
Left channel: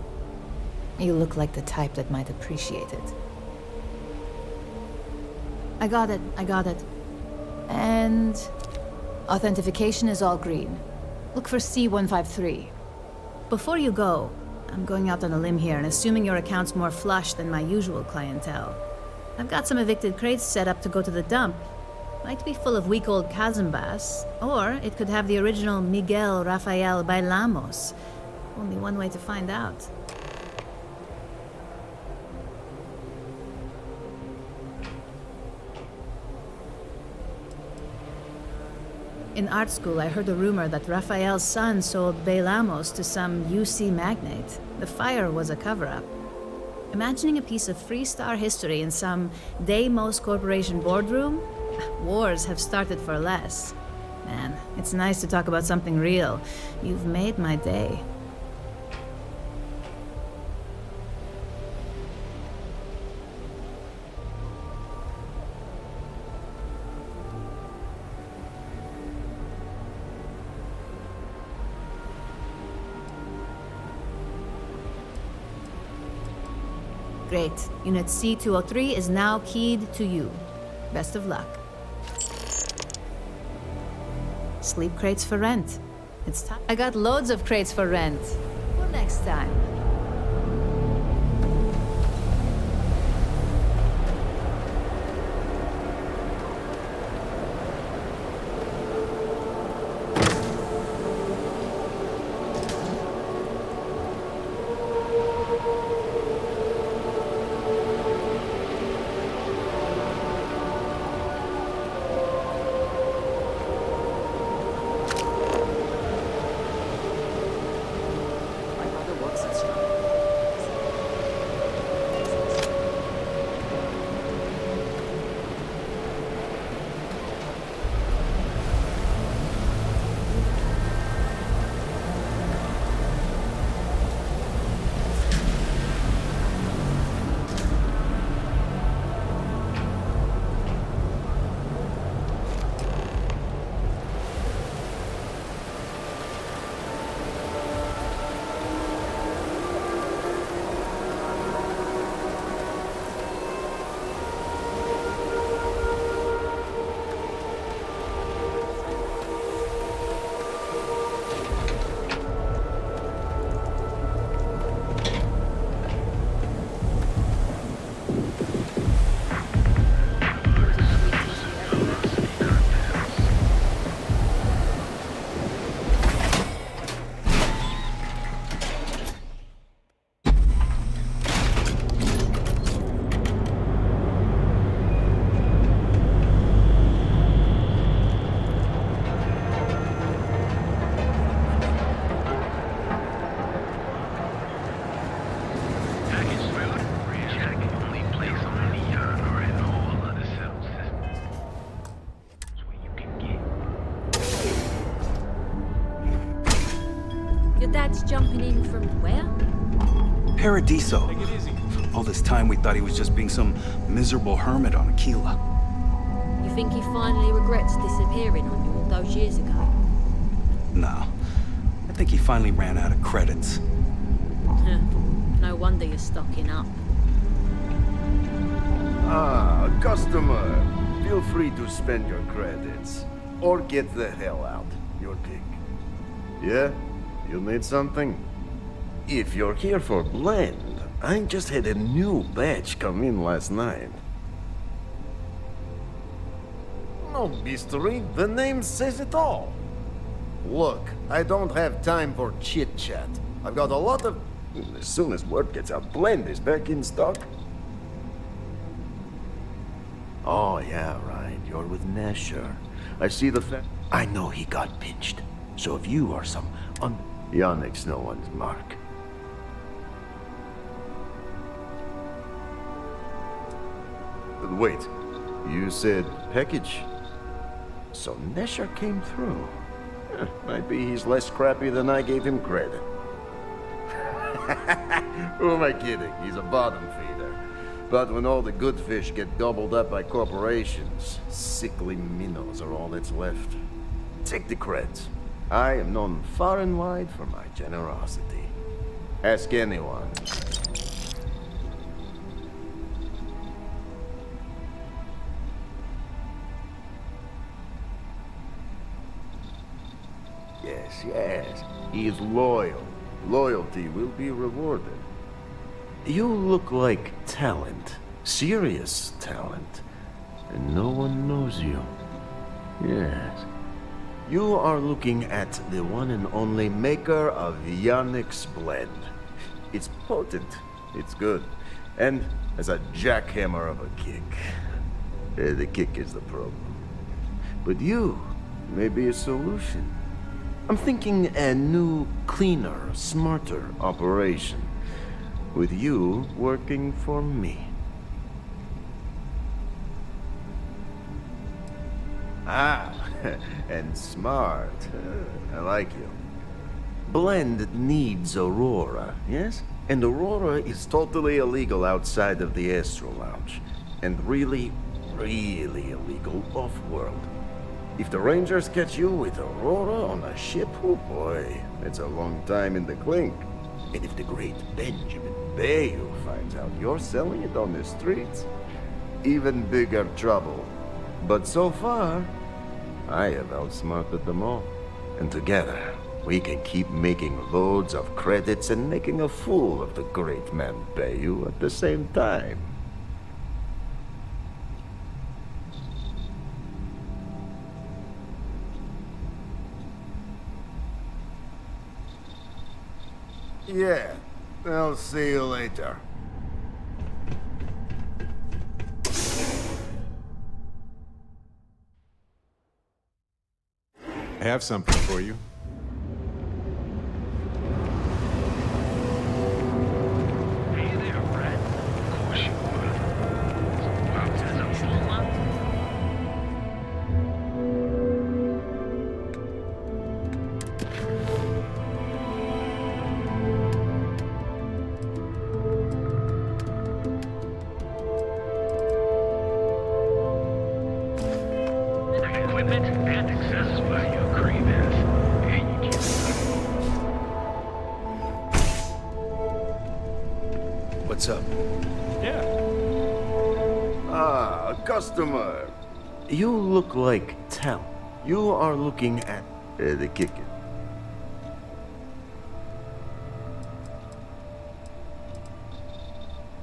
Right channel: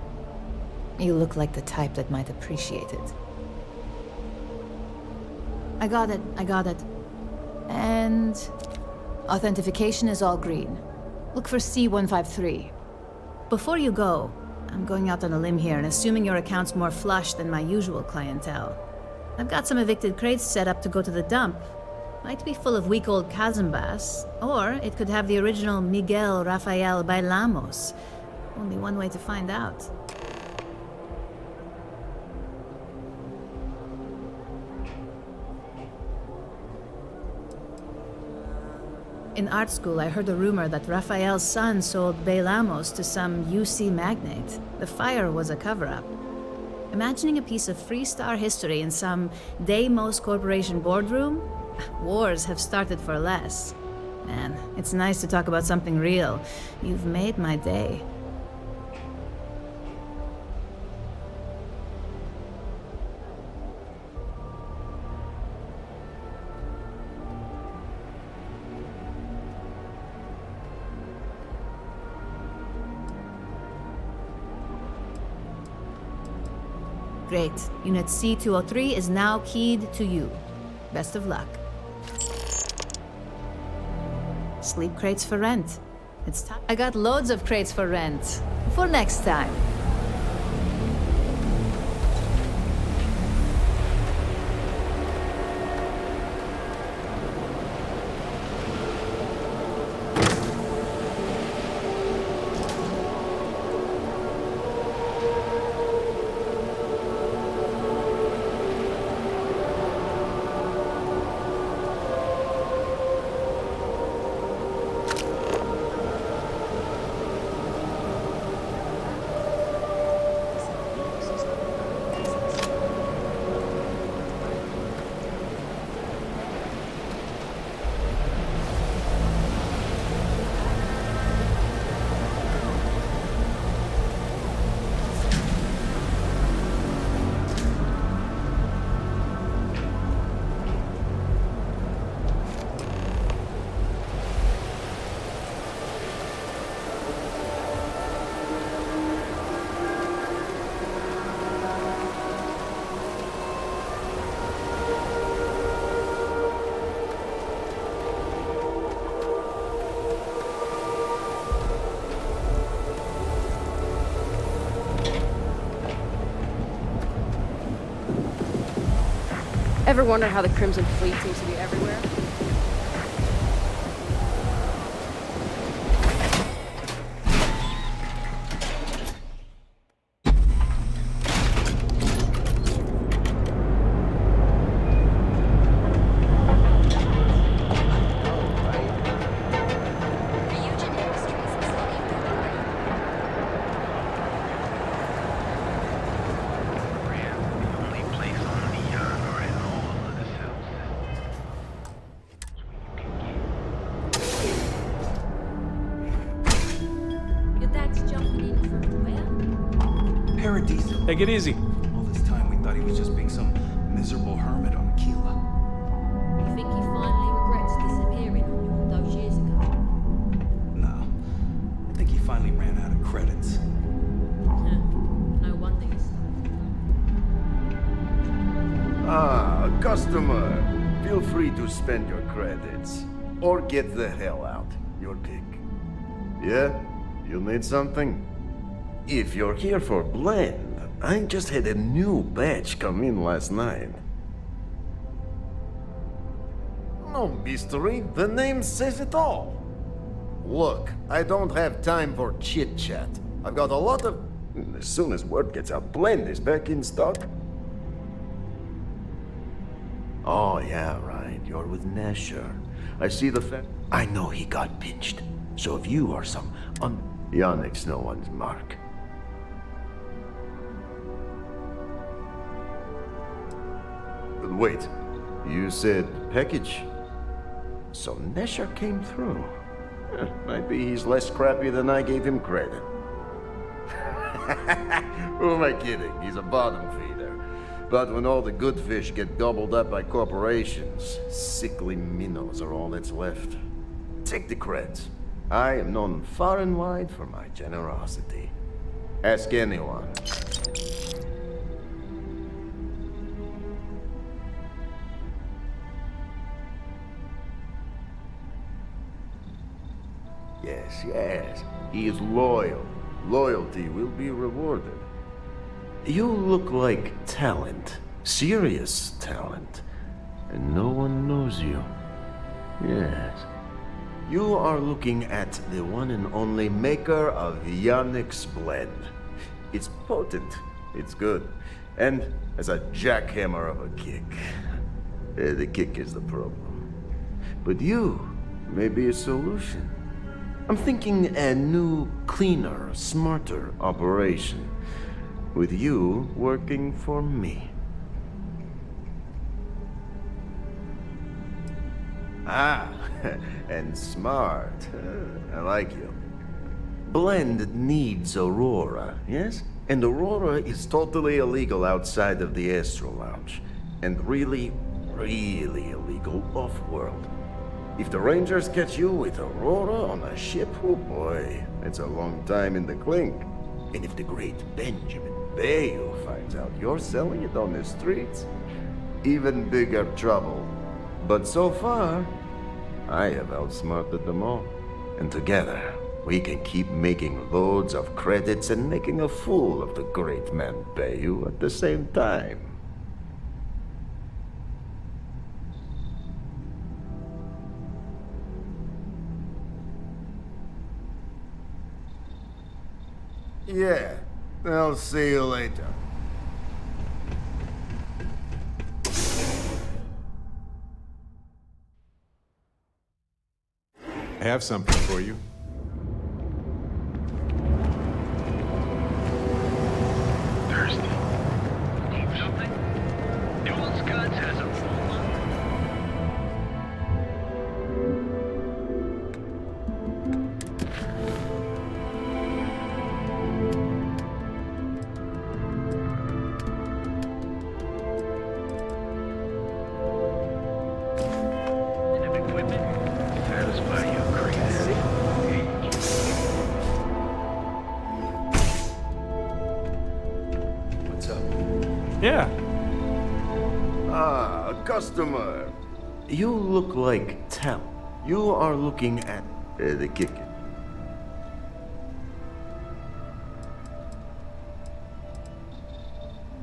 You look like the type that might appreciate it. I got it. And authentication is all green. Look for C153. Before you go, I'm going out on a limb here and assuming your account's more flush than my usual clientele. I've got some evicted crates set up to go to the dump. Might be full of week old Cazimbas, or it could have the original Miguel Rafael Bailamos. Only one way to find out. In art school, I heard a rumor that Rafael's son sold Bailamos to some UC magnate. The fire was a cover-up. Imagining a piece of Freestar history in some Deimos Corporation boardroom? Wars have started for less. Man, it's nice to talk about something real. You've made my day. Great. Unit C203 is now keyed to you. Best of luck. Sleep crates for rent. It's time. I got loads of crates for rent. For next time. ever wonder how the Crimson Fleet seems to be everywhere? Your dad's jumping in from where? Paradiso. Take it easy. All this time we thought he was just being some miserable hermit on Aquila. You think he finally regrets disappearing on you all those years ago? No. I think he finally ran out of credits. No wonder you're stocking up. Ah, customer. Feel free to spend your credits. Or get the hell out. Your pick. Yeah? You need something? If you're here for blend, I just had a new batch come in last night. No mystery, the name says it all. Look, I don't have time for chit-chat. I've got a lot of... As soon as word gets out, blend is back in stock. Oh, yeah, right. You're with Nesher. I see the I know he got pinched. So if you are some Yannick's no one's mark. Wait, you said package? So Nesher came through. Might be he's less crappy than I gave him credit. Who am I kidding? He's a bottom feeder. But when all the good fish get gobbled up by corporations, sickly minnows are all that's left. Take the creds. I am known far and wide for my generosity. Ask anyone. Yes, yes. He is loyal. Loyalty will be rewarded. You look like talent. Serious talent. And no one knows you. Yes. You are looking at the one and only maker of Yannick's blend. It's potent. It's good. And has a jackhammer of a kick. The kick is the problem. But you may be a solution. I'm thinking a new, cleaner, smarter operation. With you working for me. Ah, and smart. I like you. Blend needs Aurora, yes? And Aurora is totally illegal outside of the Astro Lounge. And really, really illegal off-world. If the Rangers catch you with Aurora on a ship, oh boy, it's a long time in the clink. And if the great Benjamin Bayou finds out you're selling it on the streets, even bigger trouble. But so far, I have outsmarted them all. And together, we can keep making loads of credits and making a fool of the great man Bayou at the same time. Yeah, I'll see you later. I have something for you. What's up? Yeah. Ah, customer. You look like talent. You are looking at the kicker.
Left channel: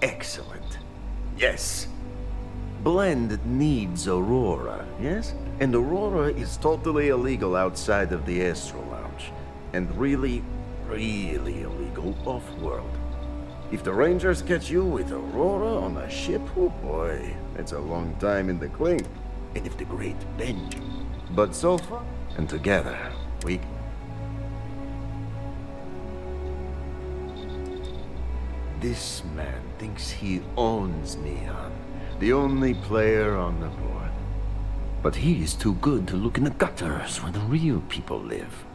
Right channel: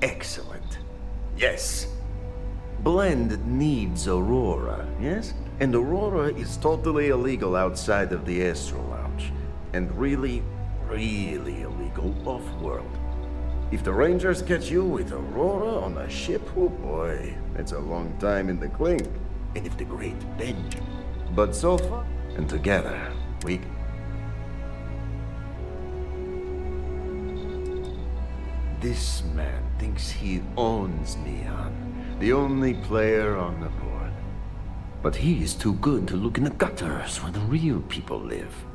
Excellent. Yes. Blend needs Aurora, yes? And Aurora is totally illegal outside of the Astro Lounge. And really, really illegal off-world. If the Rangers catch you with Aurora on a ship, oh boy, that's a long time in the clink. And if the Great Benjamin. But so far, and together, we... This man thinks he owns Neon, the only player on the board. But he is too good to look in the gutters where the real people live.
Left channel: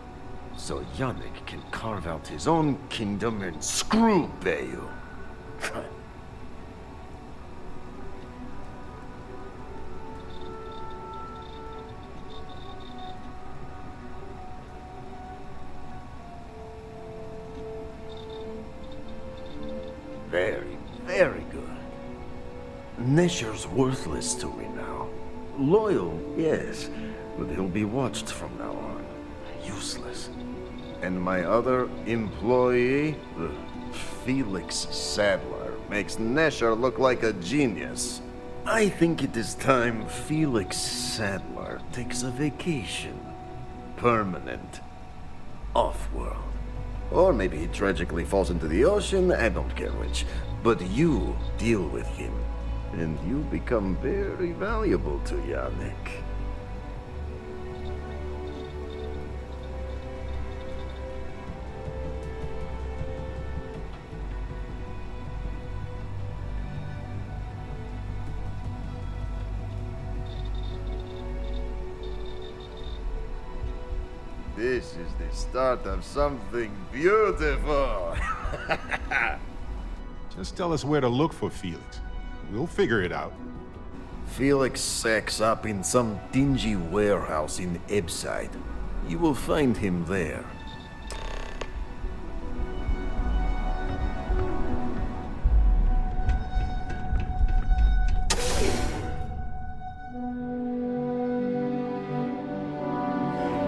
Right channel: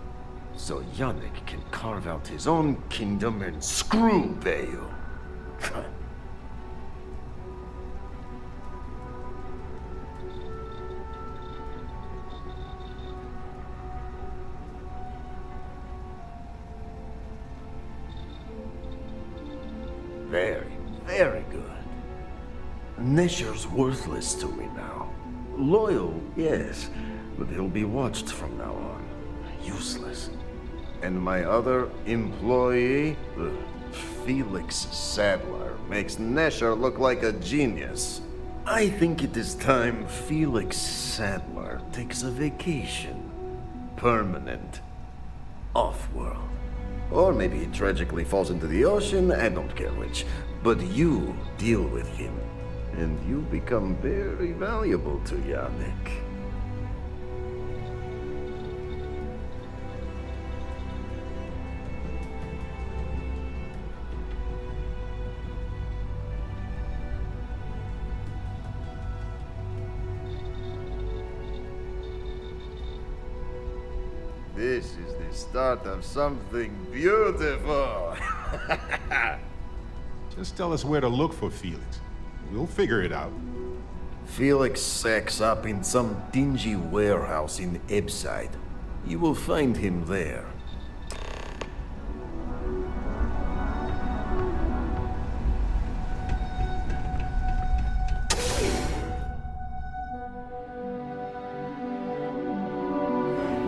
So Yannick can carve out his own kingdom and screw Bayou. Very, very good. Nesher's worthless to me now. Loyal, yes, but he'll be watched from now on. Useless. And my other employee, Felix Sadler, makes Nesher look like a genius. I think it is time Felix Sadler takes a vacation. Permanent. Off-world. Or maybe he tragically falls into the ocean, I don't care which. But you deal with him, and you become very valuable to Yannick. This is the start of something beautiful. Just tell us where to look for Felix. We'll figure it out. Felix sacks up in some dingy warehouse in Ebside. You will find him there.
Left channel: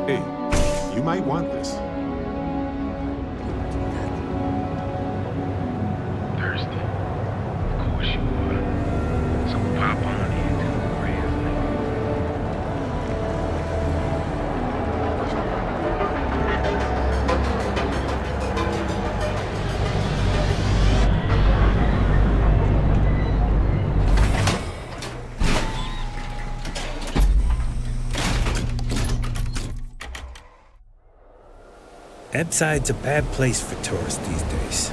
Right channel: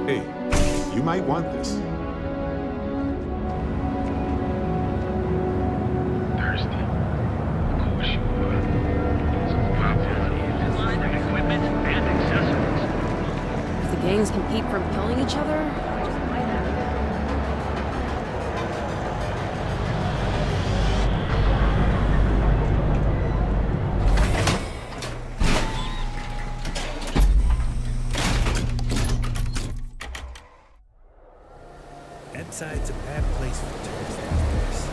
Hey, you might want this. Thirsty? Of course you would. So pop on into the equipment and accessories. The gangs can keep from killing each other? Ebside's a bad place for tourists these days.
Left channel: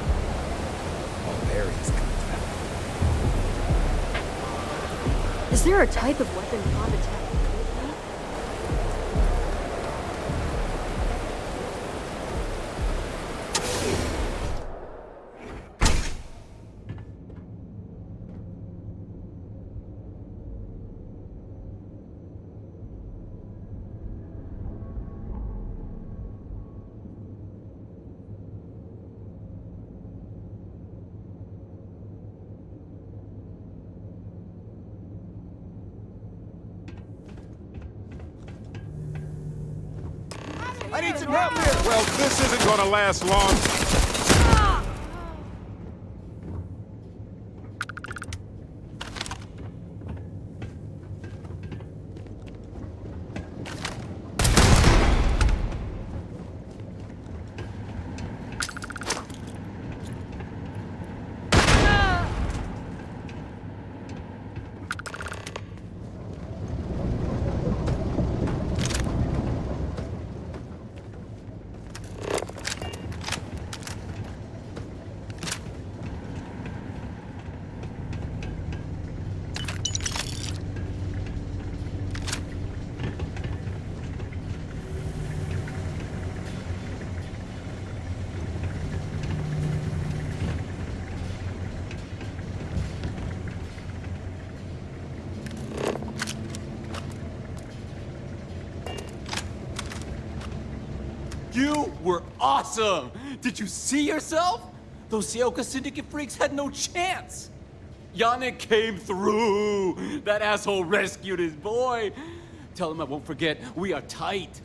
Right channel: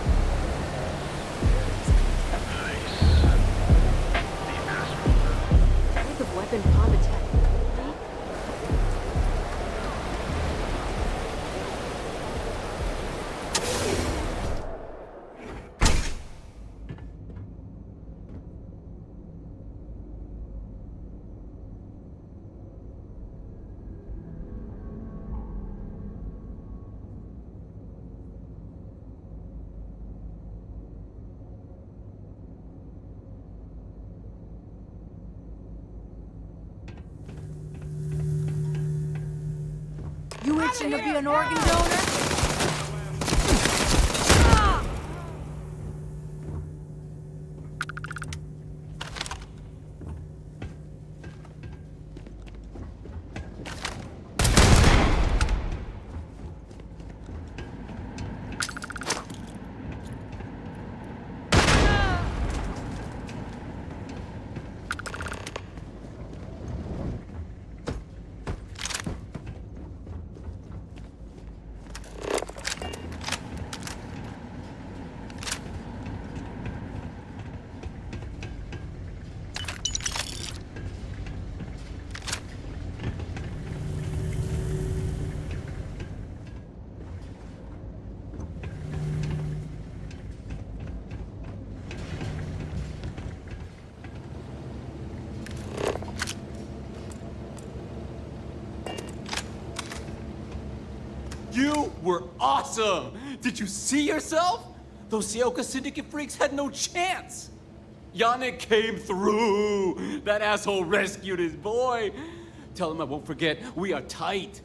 Is there a type of weapon Pond attack? You itching to be an organ donor? This isn't gonna last long. You were awesome! Did you see yourself? Those Seoka Syndicate freaks had no chance! Yannick came through! That asshole rescued his boy! Tell him I won't forget, we are tight.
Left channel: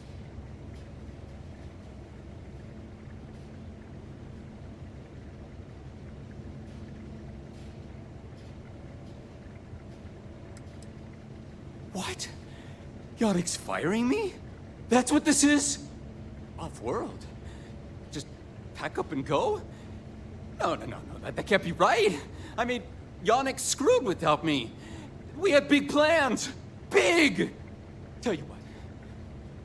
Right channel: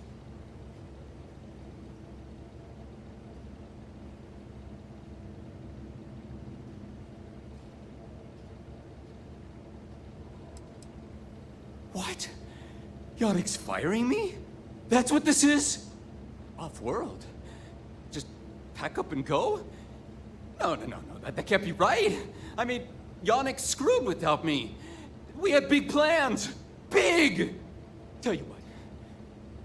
What? Yannick's firing me? That's what this is? Off-world? Just pack up and go? No, that can't be right. I mean, Yannick's screwed without me. We had big plans. Big! Tell you what,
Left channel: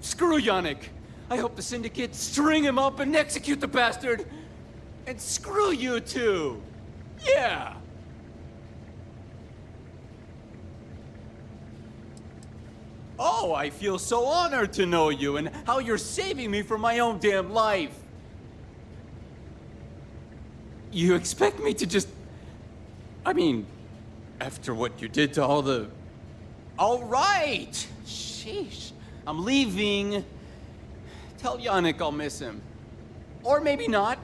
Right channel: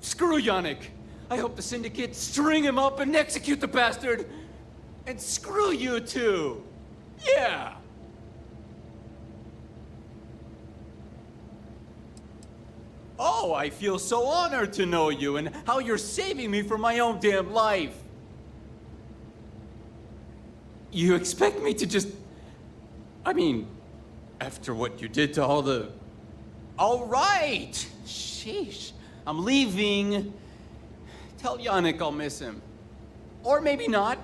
screw Yannick. I hope the Syndicate string him up and execute the bastard. And screw you too. Yeah! Oh, I feel so honored to know you and how you're saving me from my own damn life. You expect me to just... I mean, after what you did to all the... All right! Sheesh. I'm leaving. Tell Yannick I'll miss him. Or maybe not.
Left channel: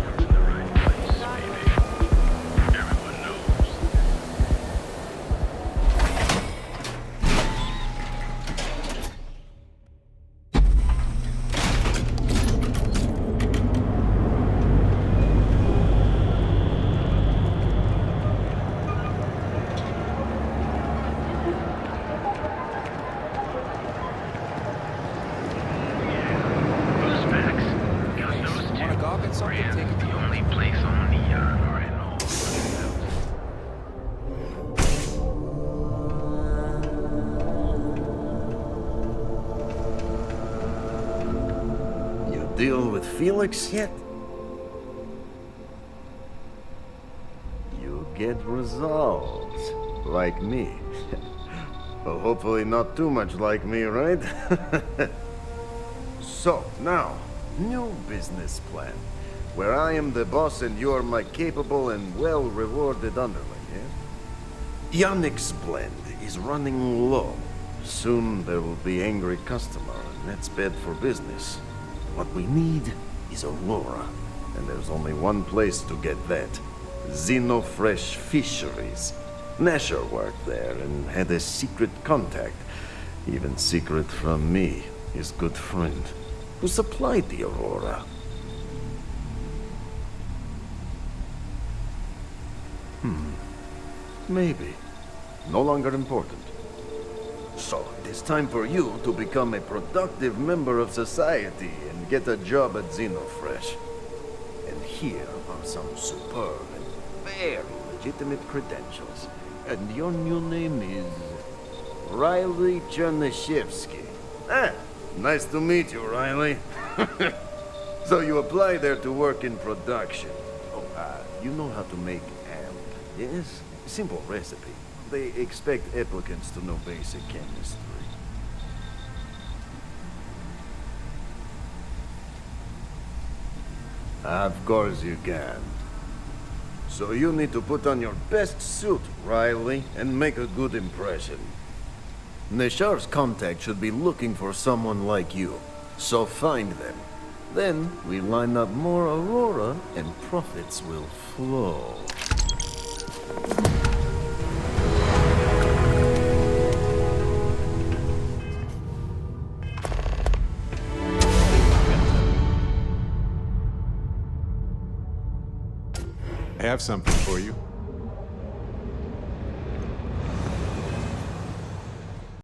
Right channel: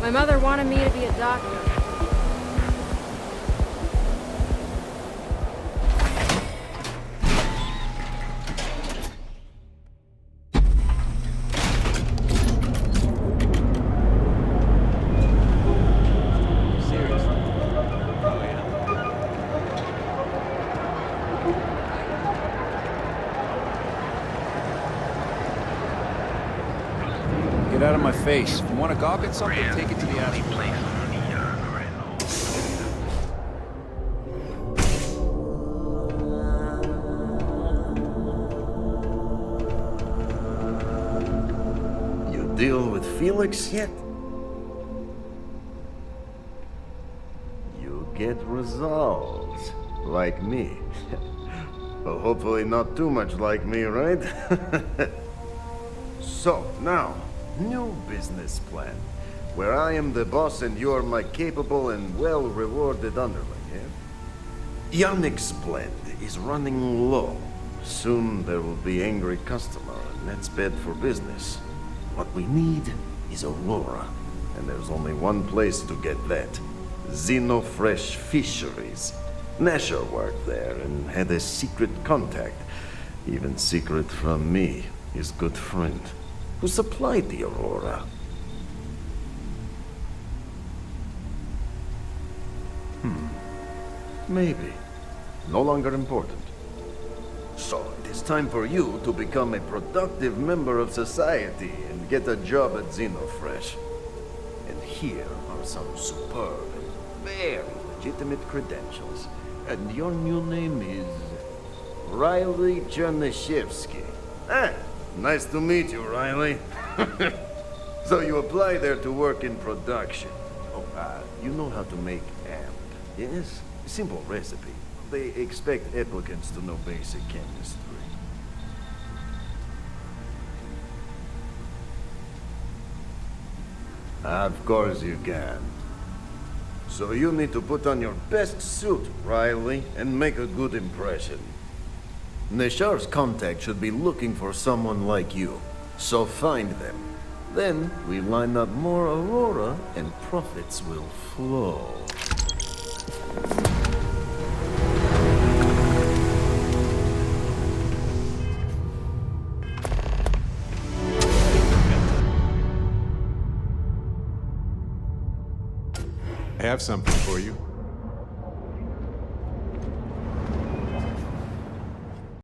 My mother wanted me to be a doctor. Get out of my face. You want to gawk at something? Take it to the alley. You deal with Felix yet? You get results. Like me. Well, hopefully not too much like me, right? So, now, new business plan. Where I am the boss and you're my capable and well-rewarded underling, yeah? Yannick's blend is running low. Soon there will be angry customer, and that's bad for business. What we need is Aurora, and there's only one place to get that. Xenofresh Fisheries. Nasher worked there and had a secret contact. Even secret from me, his good friend, who supplied the Aurora. Maybe. No longer important. So, it is time for you to become a productive member of society and get a job at Xenofresh. And here are some superb and very legitimate credentials. And your new name is... Riley Chernyshevsky. Ah, nice to meet you, Riley. So you apply there to work in production. Oh, you know how to make amp, yes? Simple recipe. They expect applicants to know basic chemistry. Of course you can. So you need to put on your best suit, Riley, and make a good impression. Neshar's contact should be looking for someone like you, so find them. Then we line up more Aurora and profits will flow. I have something for you.